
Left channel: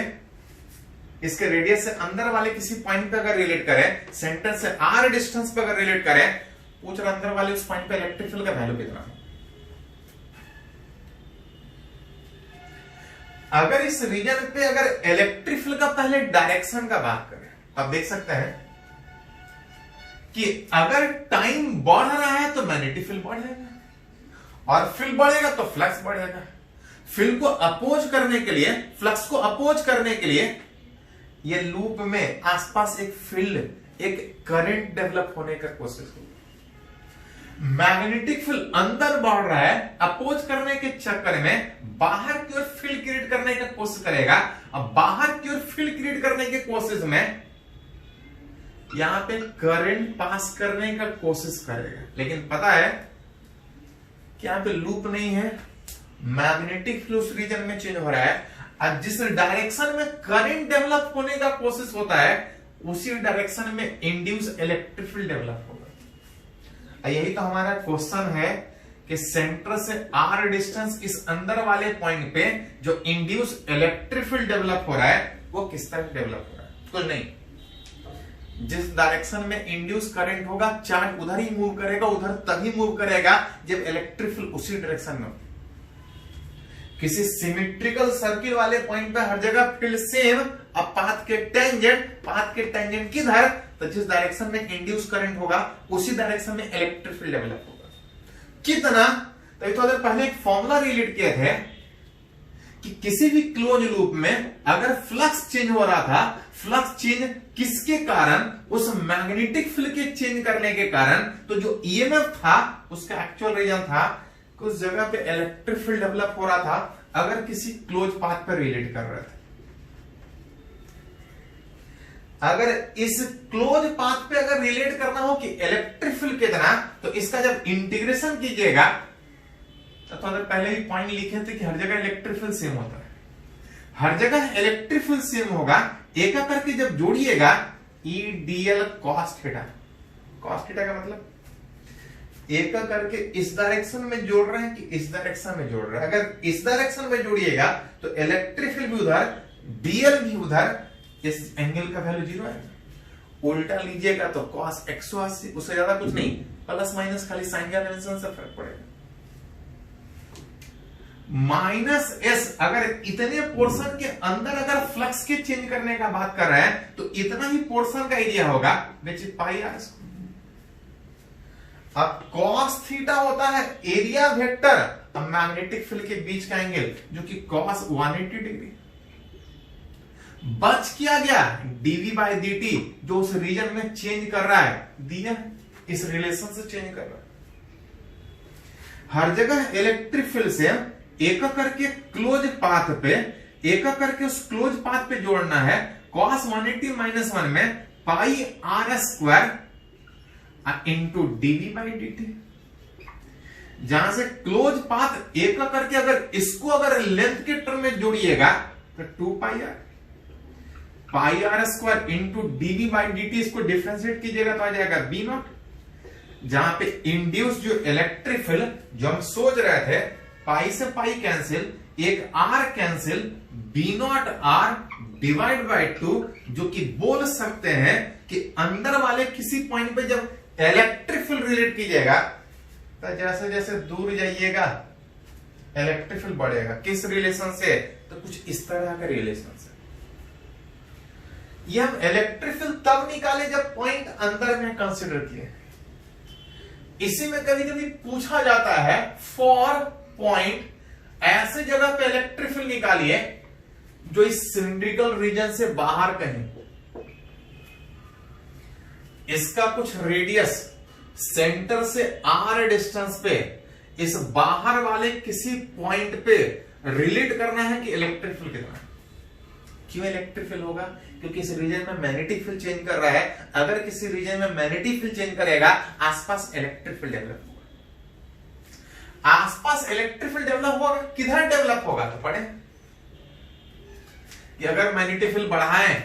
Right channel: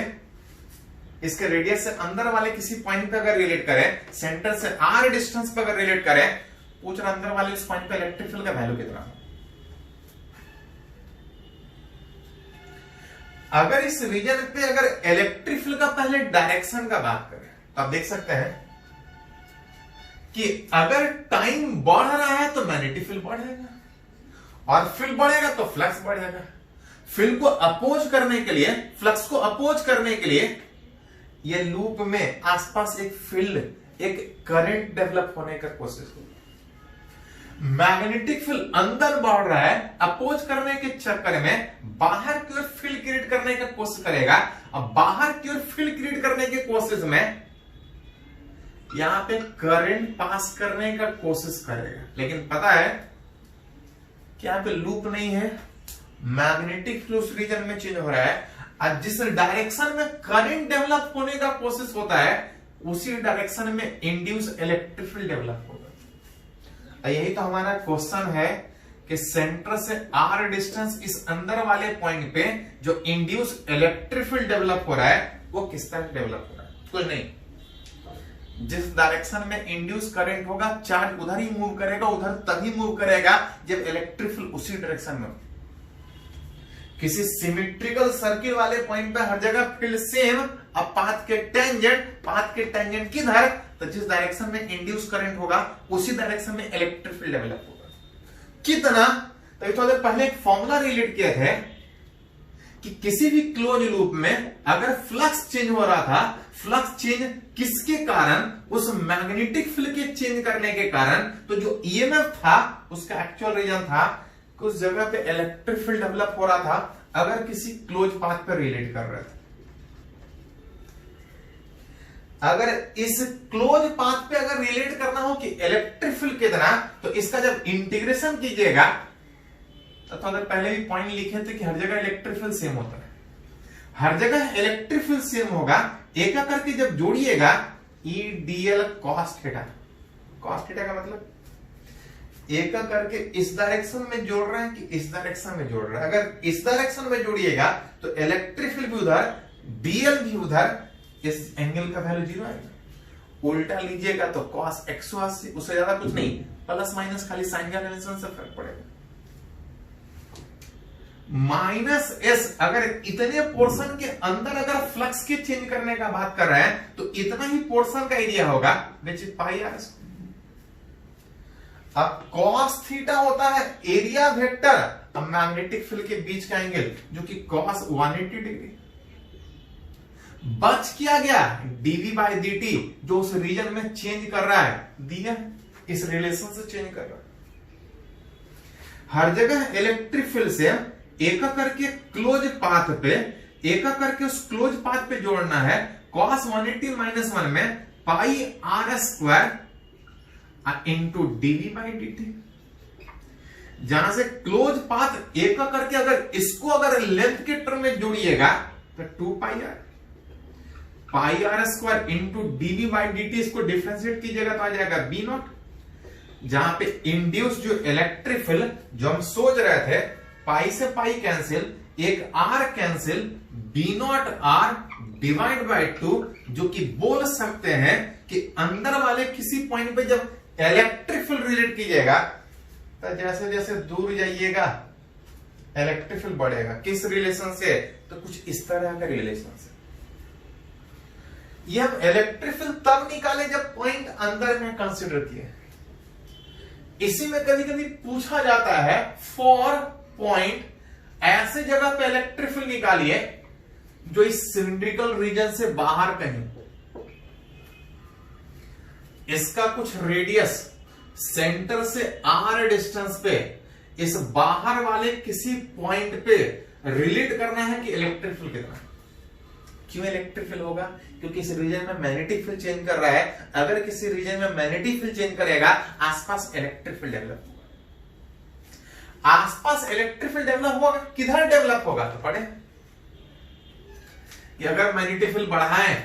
इसके रेडियस से अंदर वाले किसी पॉइंट पे अगर रिलेट करें, सेंटर से आर डिस्टेंस पे अगर रिलेट करें, पूछ रहा अंदर वाले उस पॉइंट पे इलेक्ट्रिक फील्ड का वैल्यू कितना है। अगर इस रीजन पे अगर इलेक्ट्रिक फील्ड का पहले डायरेक्शन का बात करें तो आप देख सकते हैं कि अगर टाइम बढ़ रहा है तो मैग्नेटिक फील्ड बढ़ जाएगा और फील्ड बढ़ेगा तो फ्लक्स बढ़ेगा। फील्ड को अपोज करने के लिए, फ्लक्स को अपोज करने के लिए ये लूप में आसपास एक फील्ड, एक करंट डेवलप होने का कोशिश होगी। मैग्नेटिक फील्ड अंदर बढ़ रहा है, अपोज करने के चक्कर में बाहर की ओर फील्ड क्रिएट करने का कोशिश करेगा। अब बाहर की ओर फील्ड क्रिएट करने की कोशिश में यहां पे करंट पास करने का कोशिश करेगा, लेकिन पता है कि यहां पे लूप नहीं है, मैग्नेटिक फील्ड उस रीजन में चेंज हो रहा है। और जिस डायरेक्शन में करंट डेवलप होने का कोशिश होता है उसी डायरेक्शन में इंड्यूस इलेक्ट्रिक फील्ड डेवलप होगा। यही तो हमारा क्वेश्चन है कि सेंटर से आर डिस्टेंस इस अंदर वाले पॉइंट पे जो इंड्यूस इलेक्ट्रिक फील्ड डेवलप हो रहा है वो किस तरह डेवलप हो रहा है। कुछ नहीं, जिस डायरेक्शन में इंड्यूस करंट होगा चार्ज उधर ही मूव करेगा, उधर तभी मूव करेगा जब इलेक्ट्रिक फील्ड उसी डायरेक्शन में हो। किसी सिमेट्रिकल सर्किल वाले पॉइंट पे हर जगह फील्ड सेम, अब पाथ के टेंजेंट किधर, तो जिस डायरेक्शन में इंड्यूस करंट होगा उसी डायरेक्शन में इलेक्ट्रिक फील्ड डेवलप होगा। कितना, तो थोड़ा देर पहले एक फॉर्मूला रिलेट किए थे कि किसी भी क्लोज लूप में अगर फ्लक्स चेंज हो रहा था, फ्लक्स चेंज किसके कारण, उस मैग्नेटिक फील्ड के चेंज करने के कारण, तो जो ईएमएफ था उसका एक्चुअल रीजन था कि उस जगह पे इलेक्ट्रिक फील्ड डेवलप हो रहा था अगर किसी क्लोज पाथ पर रिलेट कर रहे थे। अगर इस क्लोज पाथ पे अगर रिलेट करना हो कि इलेक्ट्रिक फील्ड कितना, तो इसका जब इंटीग्रेशन कीजिएगा तो अगर पहले ही पॉइंट लिखे थे कि हर जगह इलेक्ट्रिक फील्ड सेम होता है, हर जगह इलेक्ट्रिक फील्ड सेम होगा, एक करके जब जोड़िएगा E dl cos theta. Cos theta का मतलब एक करके इस डायरेक्शन में जोड़ रहे हैं कि इस डायरेक्शन में जोड़ रहे हैं। अगर इस डायरेक्शन में जोड़िएगा तो इलेक्ट्रिक फील्ड भी उधर, डीएल भी उधर, इस एंगल का वैल्यू 0 आएगा। उल्टा लीजिएगा तो cos 180, उससे ज्यादा कुछ नहीं, प्लस माइनस खाली साइन का कन्वेंशन से फर्क पड़ेगा। माइनस एस, अगर इतने पोर्शन के अंदर अगर फ्लक्स के चेंज करने का बात कर रहे हैं तो इतना ही पोर्शन का एरिया होगा which is pi r square. अब cos थीटा होता है एरिया वेक्टर मैग्नेटिक फील्ड के बीच का एंगल जो कि cos 180 डिग्री। बच किया गया dv बाय dt जो उस रीजन में चेंज कर रहा है, दिया इस रिलेशन से चेंज कर रहा है। हर जगह इलेक्ट्रिक फील्ड से एक करके क्लोज पाथ पे एक करके उस क्लोज पाथ पे जोड़ना है। cos 180 माइनस 1 में pi r square into dv by dt। जहां से क्लोज पाथ एक करके अगर इसको अगर लेंथ के टर्म में जोड़िएगा तो 2 pi r square into dv by dt, इसको डिफरेंशिएट कीजिएगा तो आ जाएगा बी नॉट। जहां पे इंड्यूस जो इलेक्ट्रिक फील्ड जो हम सोच रहे थे, पाई से पाई कैंसिल, एक r cancel, B naught r divide by 2, जो कि बोल सकते हैं कि अंदर वाले किसी पॉइंट पे जब इलेक्ट्रिक फील्ड रिलेट कीजिएगा तो जैसे जैसे दूर जाइएगा इलेक्ट्रिक फील्ड बढ़ेगा। किस रिलेशन से? तो कुछ इस तरह का रिलेशन से। ये हम इलेक्ट्रिक फील्ड तब निकाले जब पॉइंट अंदर में कंसिडर किए। इसी में कभी कभी पूछा जाता है फॉर पॉइंट ऐसे जगह पे इलेक्ट्रिक फील्ड निकालिए जो इस सिलिंड्रिकल रीजन से बाहर कहीं, इसका कुछ रेडियस सेंटर से आर डिस्टेंस पे इस बाहर वाले किसी पॉइंट पे रिलेट करना है कि इलेक्ट्रिक फील्ड कितना है। क्यों इलेक्ट्रिक फील्ड होगा? क्योंकि इस रीजन में मैग्नेटिक फील्ड चेंज कर रहा है। अगर किसी रीजन में मैग्नेटिक फील्ड चेंज करेगा, आसपास इलेक्ट्रिक फील्ड डेवलप होगा। आसपास इलेक्ट्रिक फील्ड डेवलप होगा, किधर डेवलप होगा? तो पढ़े कि अगर मैग्नेटिक फील्ड बढ़ाएं,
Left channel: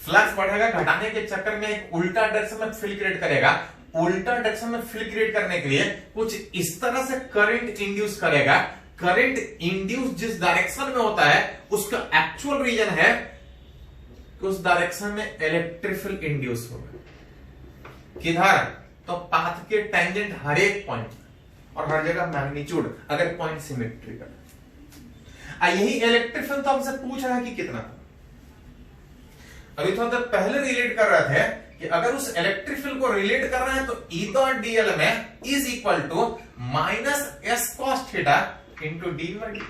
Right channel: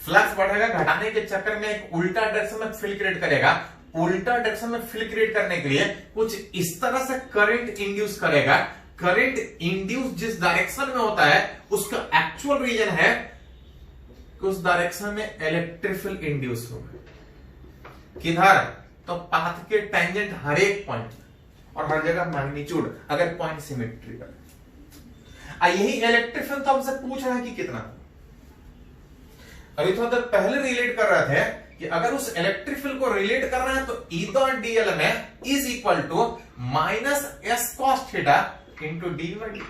फ्लक्स बढ़ेगा, घटाने के चक्कर में एक उल्टा डायरेक्शन में फील्ड क्रिएट करेगा। उल्टा डायरेक्शन में फील्ड क्रिएट करने के लिए कुछ इस तरह से करंट इंड्यूस करेगा। करंट इंड्यूस जिस डायरेक्शन में होता है उसका एक्चुअल रीजन है कि उस डायरेक्शन में इलेक्ट्रिक फील्ड इंड्यूस होगा। किधर? तो पाथ के टेंजेंट हर एक पॉइंट और हर जगह मैग्नीट्यूड, अगर पॉइंट सिमेट्रिकल। यही इलेक्ट्रिक फील्ड तो हमसे पूछ रहा है कि कितना। अभी थोड़ा देर पहले रिलेट कर रहे थे कि अगर उस इलेक्ट्रिक फील्ड को रिलेट करना है तो ई डॉट डीएल में is equal to minus S cos theta into d by d.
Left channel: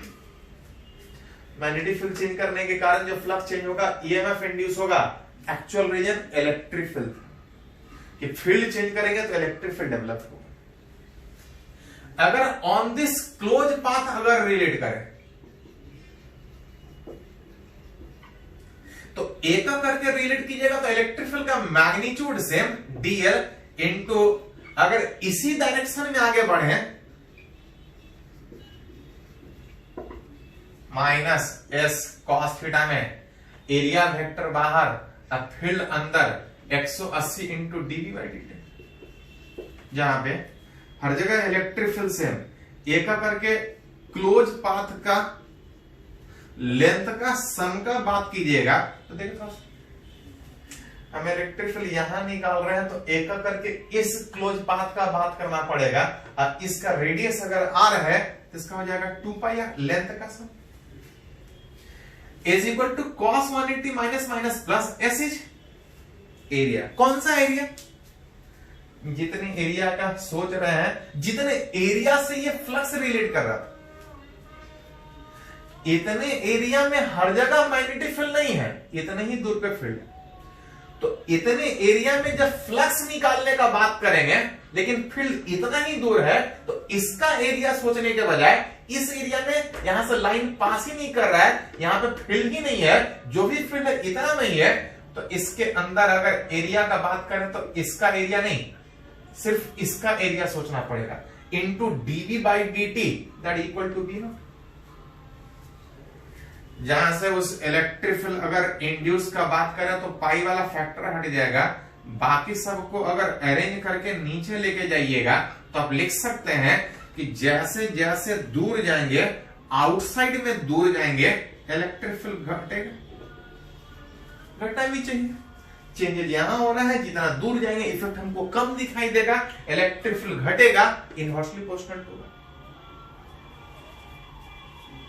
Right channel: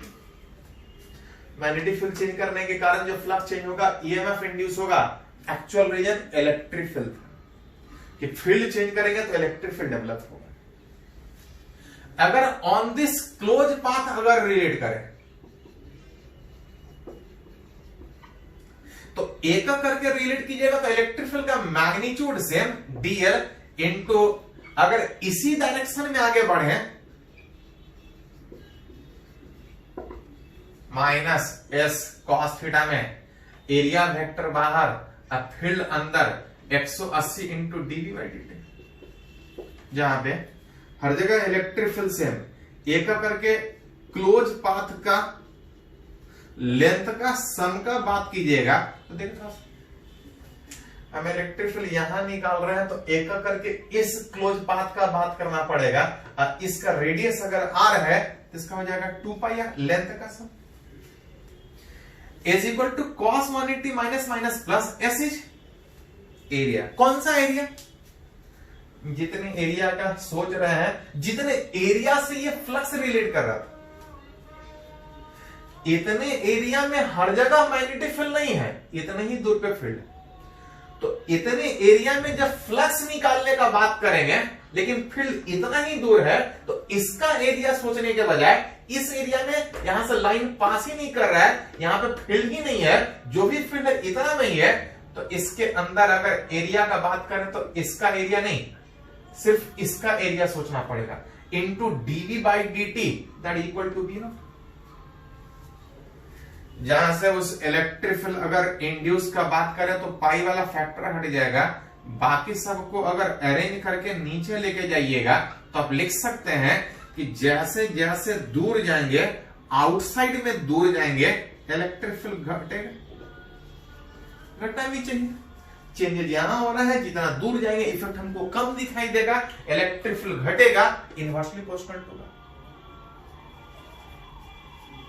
Magnetic field change करने के कारण जो फ्लक्स चेंज होगा, ईएमएफ इंड्यूस होगा। एक्चुअल रीजन इलेक्ट्रिक फील्ड, कि फील्ड चेंज करेंगे तो इलेक्ट्रिक फील्ड डेवलप होगा। अगर ऑन दिस क्लोज पाथ अगर रिलेट करें तो एक करके रिलेट कीजिएगा तो इलेक्ट्रिक फील्ड का मैग्नीट्यूड सेम डीएल इंटू, अगर इसी डायरेक्शन में आगे बढ़े माइनस एस कॉस थीटा में, एरिया वेक्टर बाहर, अब फील्ड अंदर 180 इंटू डीवी बाई डी। जहां पे हर जगह इलेक्ट्रिक फील्ड सेम, एक करके क्लोज पाथ का लेंथ का सम का बात कीजिएगा तो देखो हम इलेक्ट्रिक फील्ड यहां निकाल रहे हैं तो एक करके इस क्लोज पाथ का बात करना पड़ेगा। और इसका रेडियस अगर आर है तो इसका हो जाएगा 2 पाई आर, लेंथ का sum is equal to cos 180 minus minus plus S is area. कौन सा एरिया? जितने एरिया का सोच रहे हैं, जितने एरिया से ये फ्लक्स रिलेट कर रहा था, इतने एरिया में हर जगह मैग्नेटिक फील्ड नहीं है, इतने ही दूर पे फील्ड। तो इतने एरिया में जब फ्लक्स निकालने का बात करेंगे लेकिन फील्ड इतना ही दूर है, तो इसका एरिया सोचने के बजाय इस एरिया में यहां से लाइन पास ही नहीं कर रहा है, यहां पे फील्ड ही नहीं है, जो भी फील्ड है इतना नहीं है, तो इसके अंदर अगर एरिया का बात करें तो इसका एरिया नहीं, सिर्फ इसका एरिया सोचना पड़ेगा। Into dv by d t that equal to B naught. जहां से उस इलेक्ट्रिक फील्ड अगर इंड्यूस का बात करें तो पाई वाला फैक्टर हट जाएगा, बाकी सबको अगर अरेंज करके नीचे लेके जाइएगा तो आप लिख सकते हैं कि जैसे जैसे दूर जाएंगे, आउटसाइड में दूर जाएंगे, इलेक्ट्रिक फील्ड घटेगा, घटना भी चाहिए। चेंजेस यहां होना है, जितना दूर जाएंगे इफेक्ट हमको कम दिखाई देगा, इलेक्ट्रिक फील्ड घटेगा, इनवर्सली प्रोपोर्शनल होगा।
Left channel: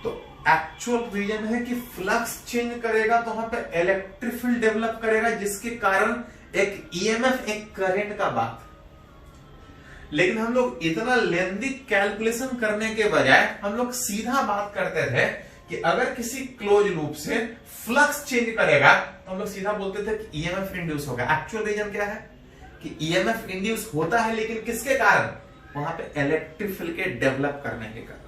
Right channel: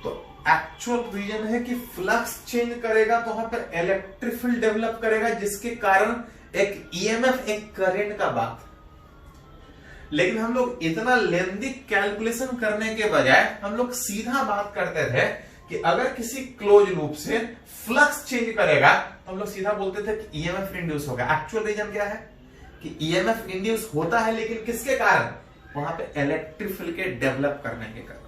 तो एक्चुअल रीजन है कि फ्लक्स चेंज करेगा तो वहां पर इलेक्ट्रिक फील्ड डेवलप करेगा, जिसके कारण एक ईएमएफ, एक करंट का बात। लेकिन हम लोग इतना लेंदी कैलकुलेशन करने के बजाय हम लोग सीधा बात करते थे कि अगर किसी क्लोज लूप से फ्लक्स चेंज करेगा तो हम लोग सीधा बोलते थे कि ईएमएफ इंड्यूस होगा। एक्चुअल रीजन क्या है कि ईएमएफ इंड्यूस होता है, लेकिन किसके कारण? वहां पे इलेक्ट्रिक फील्ड के डेवलप करने के कारण।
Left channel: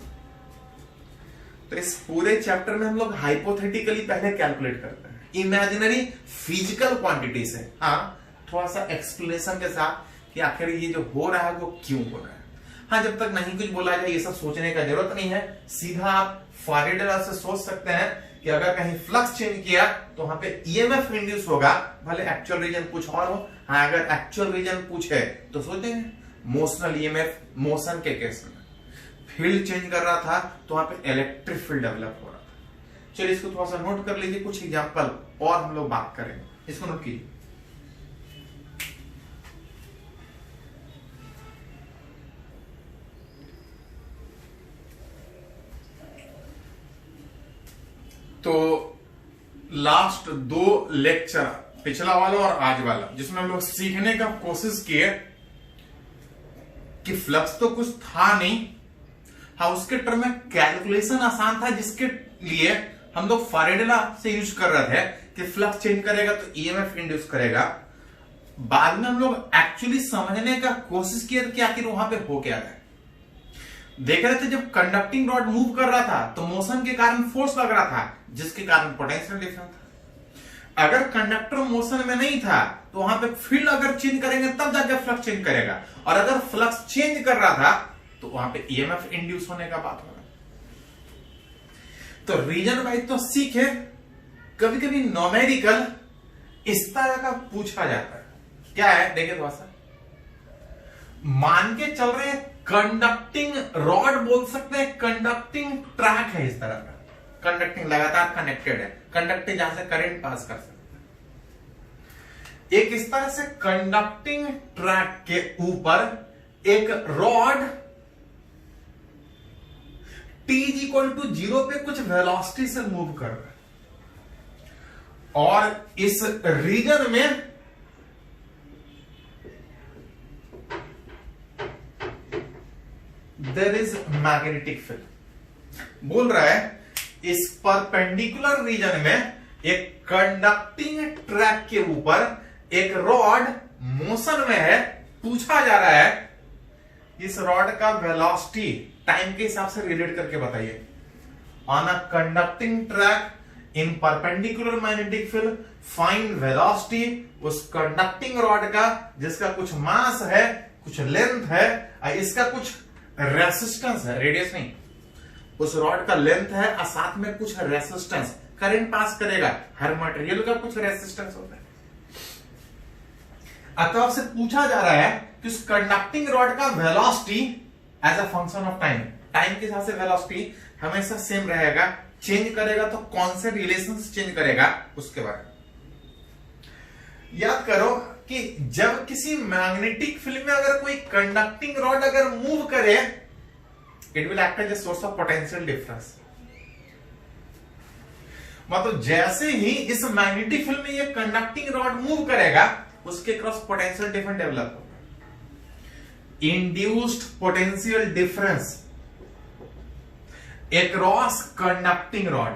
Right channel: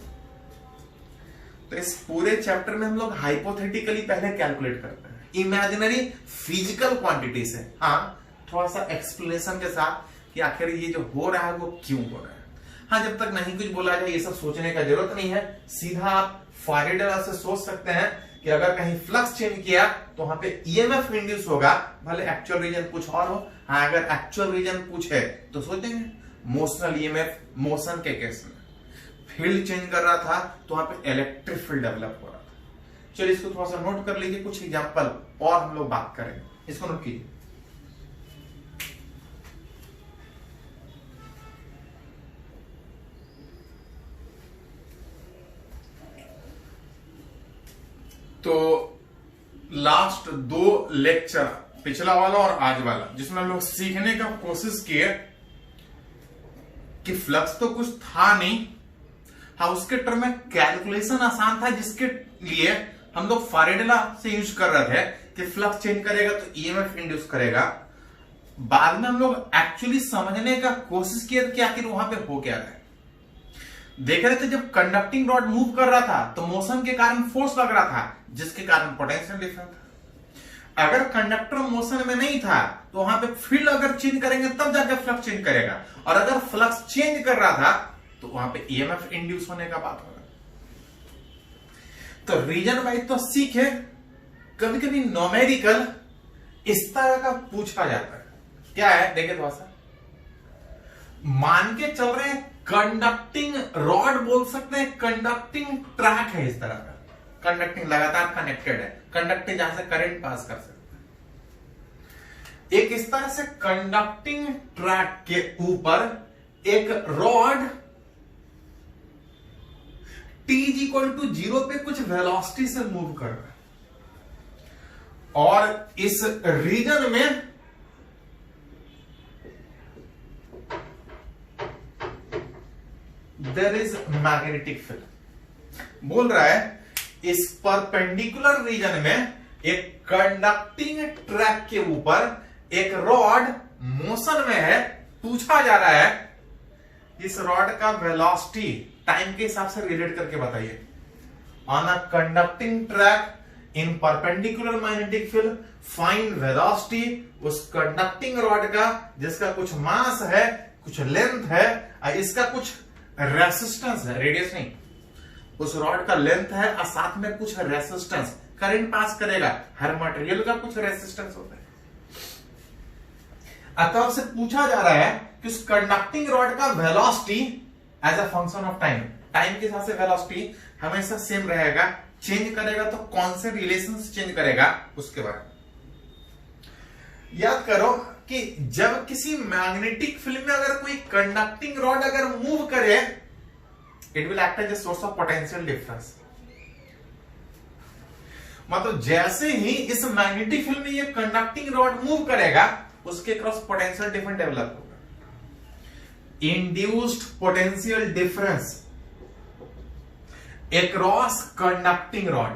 तो इस पूरे चैप्टर में हम लोग हाइपोथेटिकली पहले कैलकुलेट करते हैं इमेजिनरी फिजिकल क्वांटिटी से, हाँ थोड़ा सा एक्सप्लेनेशन के साथ कि आखिर ये जो हो रहा है वो क्यों हो रहा है। हाँ, जब तक नहीं कुछ बोला जाए ये सब सोचने का जरूरत नहीं है, सीधा आप फैराडे लॉ से सोच सकते हैं कि अगर कहीं फ्लक्स चेंज किया तो वहां पे ईएमएफ इंड्यूस होगा, भले एक्चुअल रीजन कुछ और हो। हाँ, अगर एक्चुअल रीजन पूछे तो सोचेंगे मोशनल ईएमएफ, मोशन के केस में फील्ड चेंज कर रहा था तो वहां पे इलेक्ट्रिक फील्ड डेवलप हो रहा था। चलिए इसको थोड़ा सा नोट कर लीजिए, कुछ एग्जांपल और हम लोग बात करेंगे, इसको नोट कीजिए। तो लास्ट 2 लेक्चर, पिछला वाला और आज वाला, जिसमें हम लोग सीखने का कोशिश किए कि फ्लक्स तो कुछ था नहीं, हाँ उसके टर्म में कैलकुलेशन आसान था, जिसके लिए हम लोग फैराडे लॉ से यूज कर रहे थे कि फ्लक्स चेंज करेगा तो ईएमएफ इंड्यूस करेगा। बाद में हम लोग एक्चुअली समझने का कोशिश किया कि आखिर वहां पे हो क्या रहा है। देख रहे थे जब कंडक्टिंग रॉड मूव कर रहा था तो मोशन के कारण फोर्स लग रहा था, जिसके कारण पोटेंशियल डिफरेंस था। अगर कंडक्टर मोशन में नहीं था तो वहां पे फील्ड अगर चेंज करेंगे तब जाके फ्लक्स चेंज करेगा, और अगर फ्लक्स चेंज कर रहा था तो वहां पे ईएमएफ इंड्यूस होने का बात होगा। तो रीजन वाइज तो सीखे, कभी कभी न्यूमेरिकल इस तरह का पूछा जाता है। क्या है देखिए थोड़ा सा, मान के चल रहे हैं कंडक्टिंग रॉड बोल सकते हैं, कंडक्टिंग ट्रैक है इस तरह का, कंडक्टिंग लगातार कनेक्टेड है, कंडक्टर जहां से करंट पास कर सकते हैं। एक इस तरह से कंडक्टिंग ट्रैक के ऊपर एक रॉड t=0 पे कुछ वेलोसिटी से मूव कर रहा है, और इस रीजन में देयर इज मैग्नेटिक फील्ड। बोल रहा है इस परपेंडिकुलर रीजन में एक कंडक्टिंग ट्रैक के ऊपर एक रॉड मोशन में है। पूछा जा रहा है इस रॉड का वेलोसिटी टाइम के हिसाब से रिलेट करके बताइए। On a conducting track in perpendicular magnetic field find velocity उस कंडक्टिंग रॉड का जिसका कुछ मास है, कुछ लेंथ है, इसका कुछ रेसिस्टेंस है, रेडियस नहीं, उस रॉड का लेंथ है और साथ में कुछ रेसिस्टेंस, करंट पास करेगा, हर मटेरियल का कुछ रेसिस्टेंस होता है। अतः उससे पूछा जा रहा है कि उस कंडक्टिंग रॉड का velocity as a function of time, time के हिसाब से वेलोसिटी हमेशा सेम रहेगा, चेंज करेगा तो कौन से रिलेशन चेंज करेगा उसके बारे में याद करो कि जब किसी मैग्नेटिक फील्ड में अगर कोई कंडक्टिंग रॉड अगर मूव करे, it will act as a source of potential difference. मतलब जैसे ही इस मैग्नेटिक फील्ड में ये कंडक्टिंग रॉड मूव करेगा उसके क्रॉस पोटेंशियल डिफरेंस डेवलप होगा। Induced potential difference across conducting rod,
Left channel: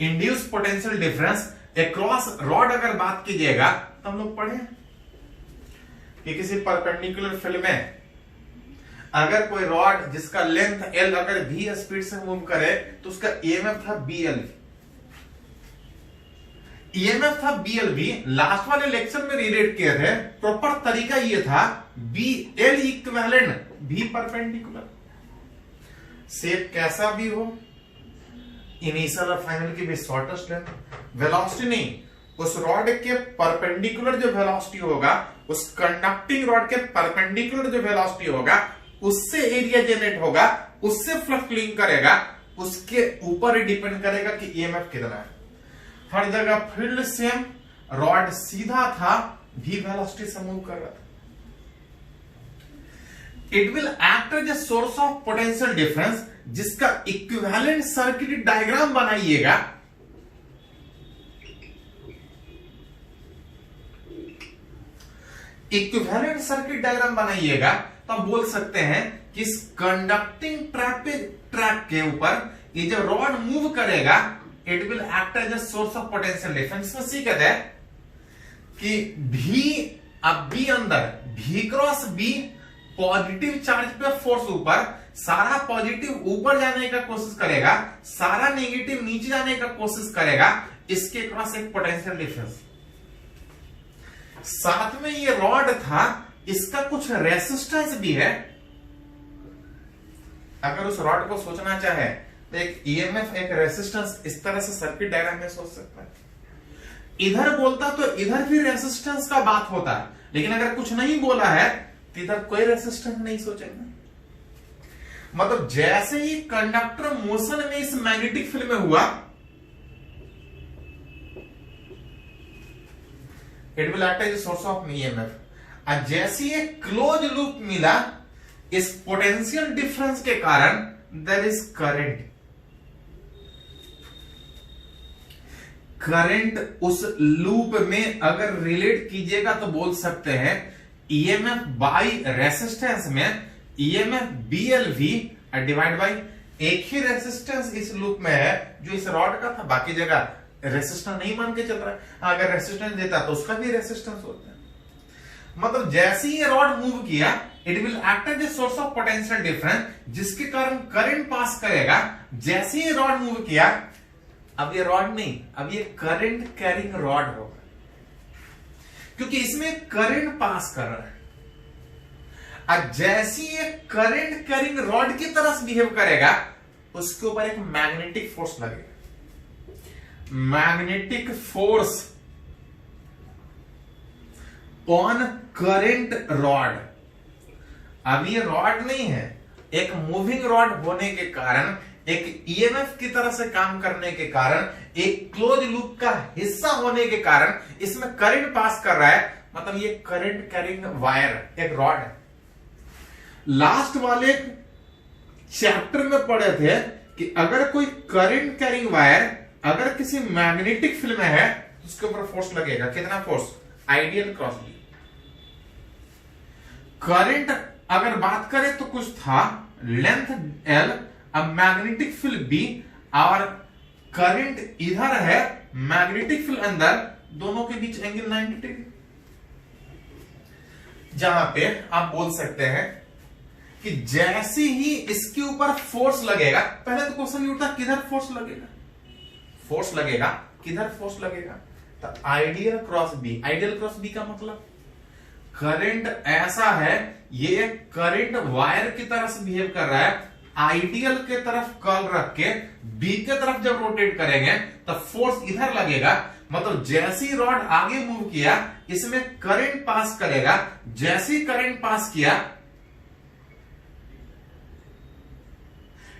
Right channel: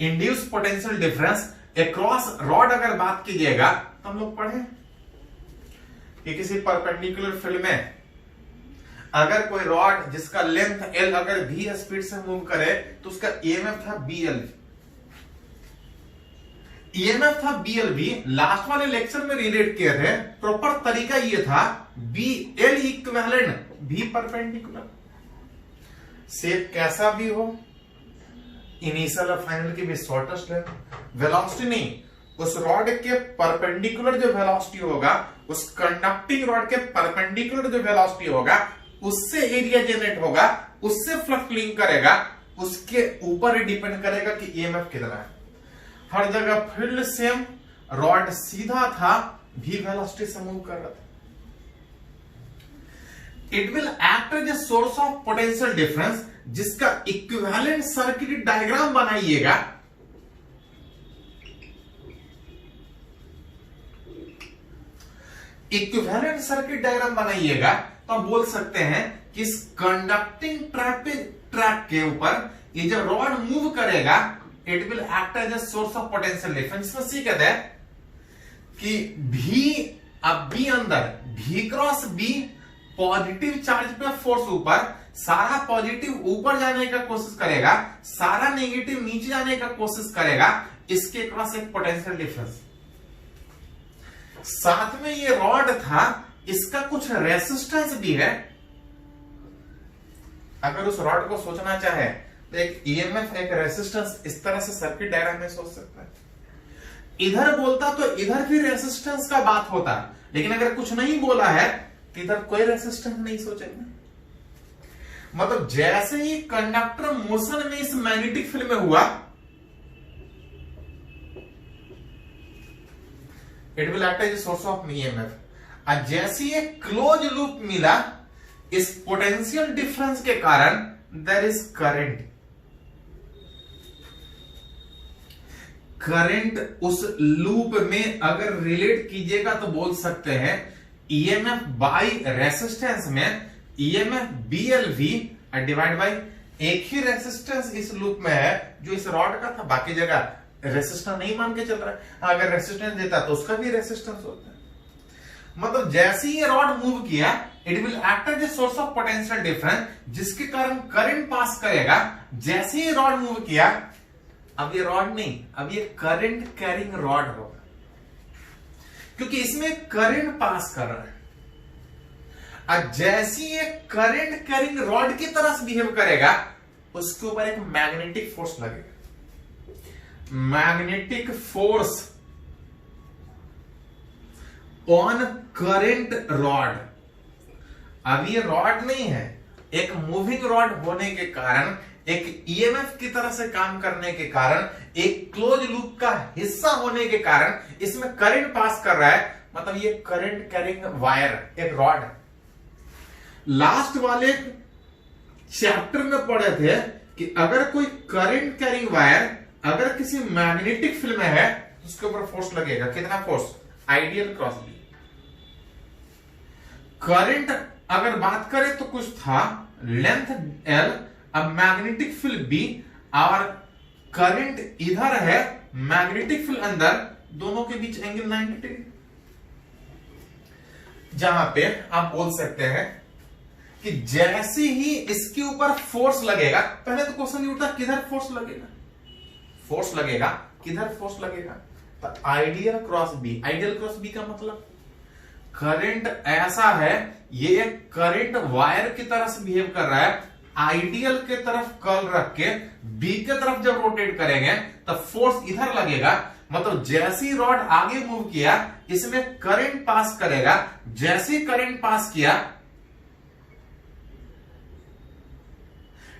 induced potential difference across rod अगर बात कीजिएगा तो हम लोग पढ़े कि किसी परपेंडिकुलर फील्ड में अगर कोई रॉड जिसका लेंथ L अगर v स्पीड से मूव करे तो उसका ईएमएफ था BL, ईएमएफ था BLV। लास्ट वाले लेक्चर में रिलेट किए थे, प्रॉपर तरीका ये था BL equivalent V perpendicular, shape कैसा भी हो, इनिशियल और फाइनल की भी शॉर्टेस्ट लेंथ, वेलोसिटी नहीं, उस रॉड के परपेंडिकुलर जो वेलोसिटी होगा, उस कंडक्टिंग रॉड के परपेंडिकुलर जो वेलोसिटी होगा उससे एरिया जनरेट होगा, उससे फ्लक्स लिंक करेगा, उसके ऊपर डिपेंड करेगा कि ईएमएफ कितना है। हर जगह फील्ड सेम, रॉड सीधा था, भी वेलोसिटी से मूव कर रहा था। It will act as a source of potential difference, जिसका इक्विवेलेंट सर्किट डायग्राम बनाइएगा। इक्विवेलेंट सर्किट डायग्राम बनाइएगा तो आप बोल सकते हैं कि इस कंडक्टिंग ट्रैक के ऊपर ये जो रॉड मूव करेगा it will act as a source of potential difference. इसमें सी कहते हैं कि भी अब बी अंदर, भी क्रॉस बी पॉजिटिव चार्ज पे फोर्स ऊपर, सारा पॉजिटिव ऊपर जाने का कोशिश करेगा, सारा नेगेटिव नीचे जाने का कोशिश करेगा, इसके क्रॉस एक पोटेंशियल डिफरेंस। साथ में ये रॉड था, इसका कुछ रेसिस्टेंस भी है। अगर उस रॉड को सोचना चाहे तो एक ईएमएफ, एक रेसिस्टेंस, इस तरह से सर्किट डायग्राम में सोच सकता है। इधर बोलता तो इधर भी रेसिस्टेंस का बात होता, लेकिन अगर कुछ नहीं बोला है तो इधर कोई रेसिस्टेंस नहीं सोचेगा। मतलब जैसे ही कंडक्टर मोशन में इस मैग्नेटिक फील्ड में हुआ, it will act as a source of EMF. और जैसे ही क्लोज लूप मिला, इस पोटेंशियल डिफरेंस के कारण देयर इज करंट। करंट उस लूप में अगर रिलेट कीजिएगा तो बोल सकते हैं ईएमएफ बाई रेसिस्टेंस में ईएमएफ बीएलवी डिवाइड बाई एक ही रेसिस्टेंस इस लूप में है जो इस रॉड का था, बाकी जगह रेसिस्टेंस नहीं मान के चल रहा है। अगर रेसिस्टेंस देता तो उसका भी रेसिस्टेंस होता है। मतलब जैसे ही ये रॉड मूव किया, it will act as a source of potential difference, जिसके कारण करंट पास करेगा। जैसे ही रॉड मूव किया, अब ये रॉड नहीं, अब ये करंट कैरिंग रॉड होगा, क्योंकि इसमें करंट पास कर रहा है। और जैसे ये करंट कैरिंग रॉड की तरह बिहेव करेगा, उसके ऊपर एक मैग्नेटिक फोर्स लगेगा। Magnetic force on current rod. अब ये रॉड नहीं है, एक मूविंग रॉड होने के कारण, एक ईएमएफ की तरह से काम करने के कारण, एक क्लोज लूप का हिस्सा होने के कारण इसमें करंट पास कर रहा है। मतलब ये करंट कैरिंग वायर, एक रॉड है। लास्ट वाले चैप्टर में पढ़े थे कि अगर कोई करंट कैरिंग वायर अगर किसी मैग्नेटिक फील्ड में है तो उसके ऊपर फोर्स लगेगा। कितना force? Ideal cross B. Current अगर बात करें तो कुछ था लेंथ एल, अब मैग्नेटिक फील्ड बी और करंट इधर है, मैग्नेटिक फील्ड अंदर, दोनों के बीच एंगल 90 डिग्री। जहां पे आप बोल सकते हैं कि जैसे ही इसके ऊपर फोर्स लगेगा, पहले तो क्वेश्चन ये उठता किधर फोर्स लगेगा, फोर्स लगेगा किधर, फोर्स लगेगा तो ideal cross B. Ideal cross B का मतलब करंट ऐसा है, ये करंट वायर की तरह से बिहेव कर रहा है। आइडियल के तरफ कर्ल रख के बी के तरफ जब रोटेट करेंगे तो फोर्स इधर लगेगा। मतलब जैसे ही रॉड आगे मूव किया, इसमें करंट पास करेगा। जैसे ही करंट पास किया,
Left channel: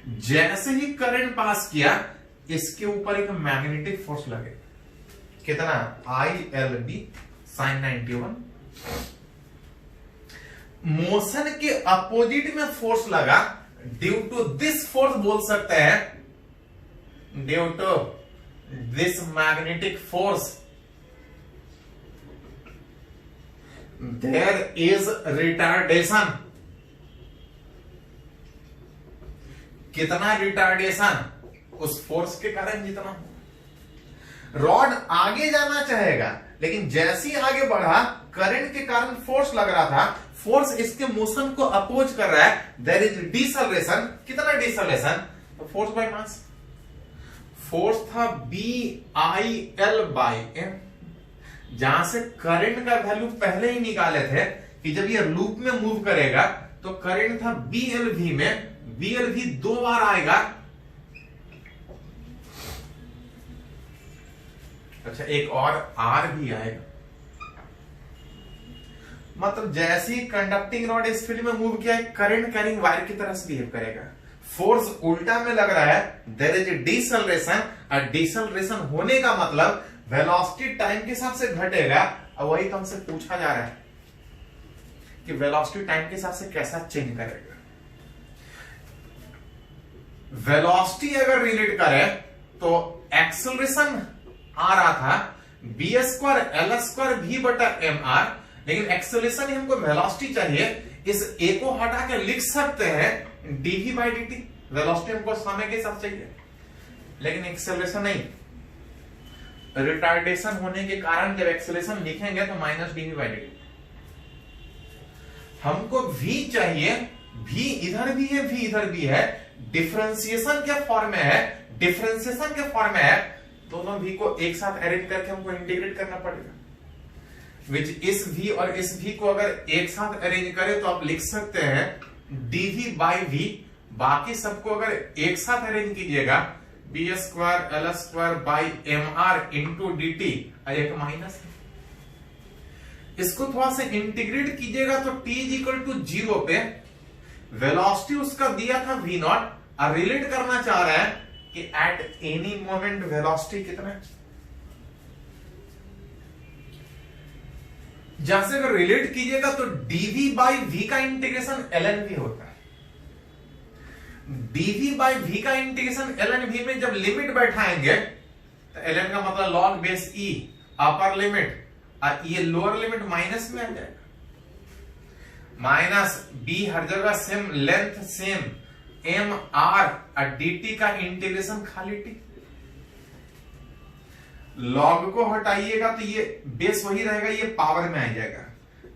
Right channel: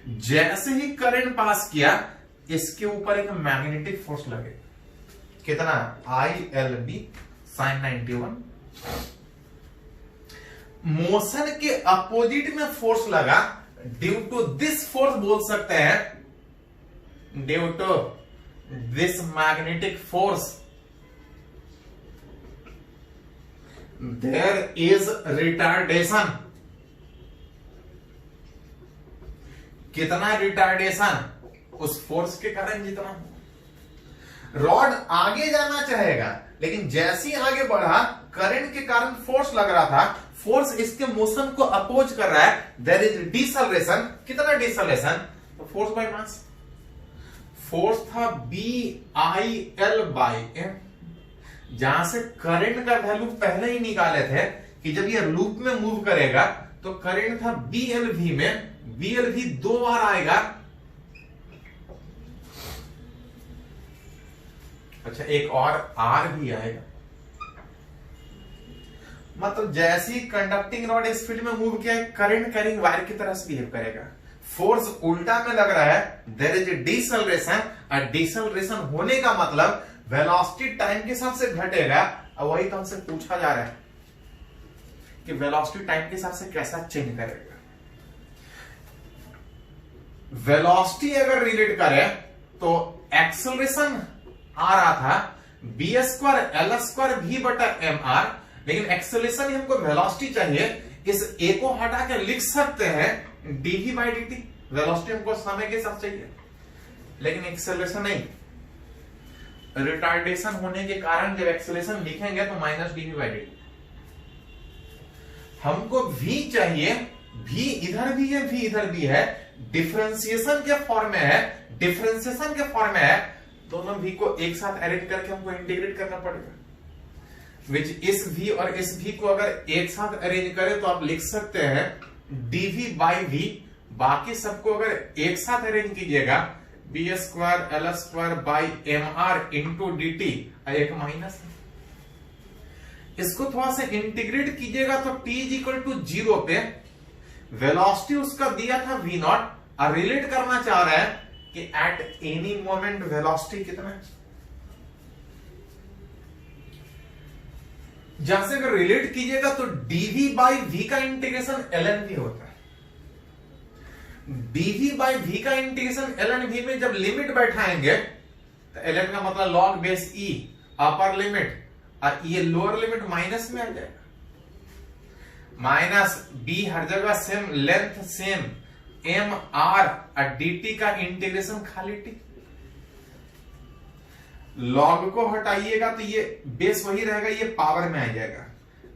जैसे ही करंट पास किया, इसके ऊपर एक मैग्नेटिक फोर्स लगेगा। कितना? ILB sin 91। मोशन के अपोजिट में फोर्स लगा, ड्यू टू दिस फोर्स बोल सकते हैं, due to this magnetic force there is retardation. कितना रिटार्डेशन? उस फोर्स के कारण जितना रॉड आगे जाना चाहेगा, लेकिन जैसे ही आगे बढ़ा, करंट के कारण फोर्स लग रहा था, फोर्स इसके मोशन को अपोज कर रहा है, देयर इज डिसलेरेशन। कितना डिसलेरेशन? तो फोर्स बाय मास। फोर्स था BIL बाय M। जहां से करंट का वैल्यू पहले ही निकाले थे कि जब ये लूप में मूव करेगा तो करंट था BLV में, BLV 2 बार आएगा। अच्छा, एक और R भी आएगा। मतलब जैसे ही कंडक्टिंग रॉड इस फील्ड में मूव किया, करंट कैरिंग वायर की तरह से बिहेव करेगा। फोर्स उल्टा में लग रहा है, देयर इज ए डिसलेरेशन। और डिसलेरेशन होने का मतलब वेलोसिटी टाइम के हिसाब से घटेगा। और वही तो हमसे पूछा जा रहा है कि वेलोसिटी टाइम के हिसाब से कैसा चेंज करेगा। वेलोसिटी अगर रिलेट करें तो एक्सेलरेशन आ रहा था b²L²v/mr, लेकिन एक्सेलरेशन ही हमको वेलोसिटी चाहिए। इस a को हटा के लिख सकते हैं dv/dt। वेलोसिटी हमको समय के हिसाब से चाहिए, लेकिन एक्सेलरेशन नहीं। रिटार्डेशन होने के कारण जब एक्सेलरेशन लिखेंगे तो -dv/dt। हमको v चाहिए v इधर भी है, v इधर भी है, डिफरेंशिएशन के फॉर्म में है, डिफरेंशिएशन के फॉर्म में है, दोनों v को एक साथ अरेंज करके हमको इंटीग्रेट करना पड़ेगा। विच इस v और इस v को अगर एक साथ अरेंज करें तो आप लिख सकते हैं dv बाई v, बाकी सबको अगर एक साथ अरेंज कीजिएगा B square L square by M R into d t, एक माइनस है। इसको थोड़ा सा इंटीग्रेट कीजिएगा तो t इज इक्वल टू 0 पे वेलोसिटी उसका दिया था v नॉट, और रिलेट करना चाह रहा है कि एट एनी मोमेंट वेलोसिटी कितना है। जहां से अगर रिलेट कीजिएगा तो dv बाई v का इंटीग्रेशन ln v होता है। dv बाई v का इंटीग्रेशन ln v में जब लिमिट बैठाएंगे तो ln का मतलब log base e upper limit, और ये लोअर लिमिट माइनस में आ जाएगा। माइनस b हर जगह same, length same, M R और dt का इंटीग्रेशन खाली t। लॉग को हटाइएगा तो ये बेस वही रहेगा, ये पावर में आ जाएगा।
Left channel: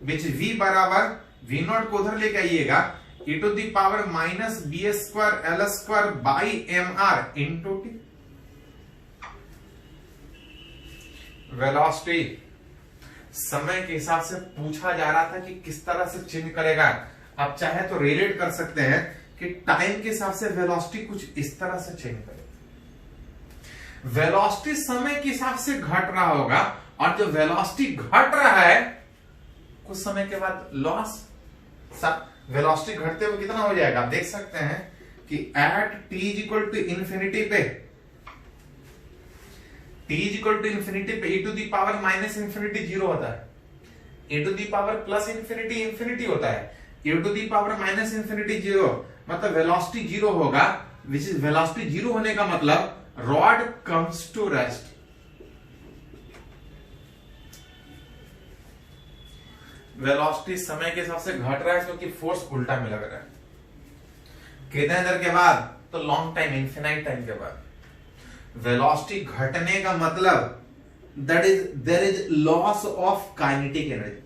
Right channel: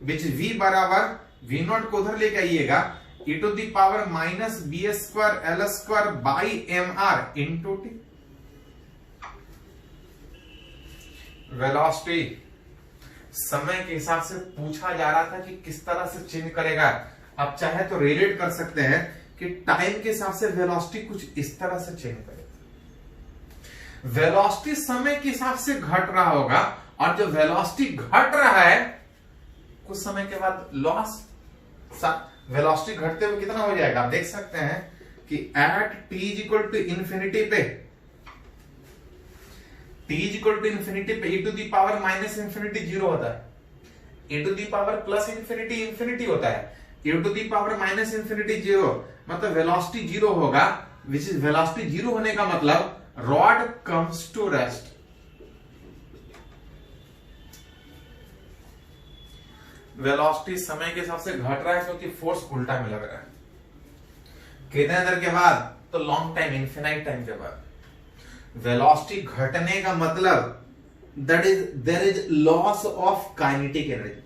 विच v बराबर v नॉट को उधर लेके आइएगा e to the power minus B square L square by M R into टी। वेलोसिटी समय के हिसाब से पूछा जा रहा था कि किस तरह से चेंज करेगा। आप चाहे तो रिलेट कर सकते हैं कि टाइम के हिसाब से वेलोसिटी कुछ इस तरह से चेंज करेगा। वेलोसिटी समय के हिसाब से घट रहा होगा, और जो वेलोसिटी घट रहा है कुछ समय के बाद लॉस, वेलोसिटी घटते हुए कितना हो जाएगा आप देख सकते हैं कि at t is equal to infinity पे, t is equal to infinity पे e to the power minus infinity 0 होता है, e to the power plus infinity infinity होता है, e to the power minus infinity 0, मतलब वेलोसिटी 0 होगा। विच इज वेलोसिटी 0 होने का मतलब rod comes to rest. Velocity समय के हिसाब से घट रहा है क्योंकि फोर्स उल्टा में लग रहा है। कितने देर के बाद? तो लॉन्ग टाइम, इनफिनाइट टाइम के बाद। वेलोसिटी घटने का मतलब there is loss of kinetic energy.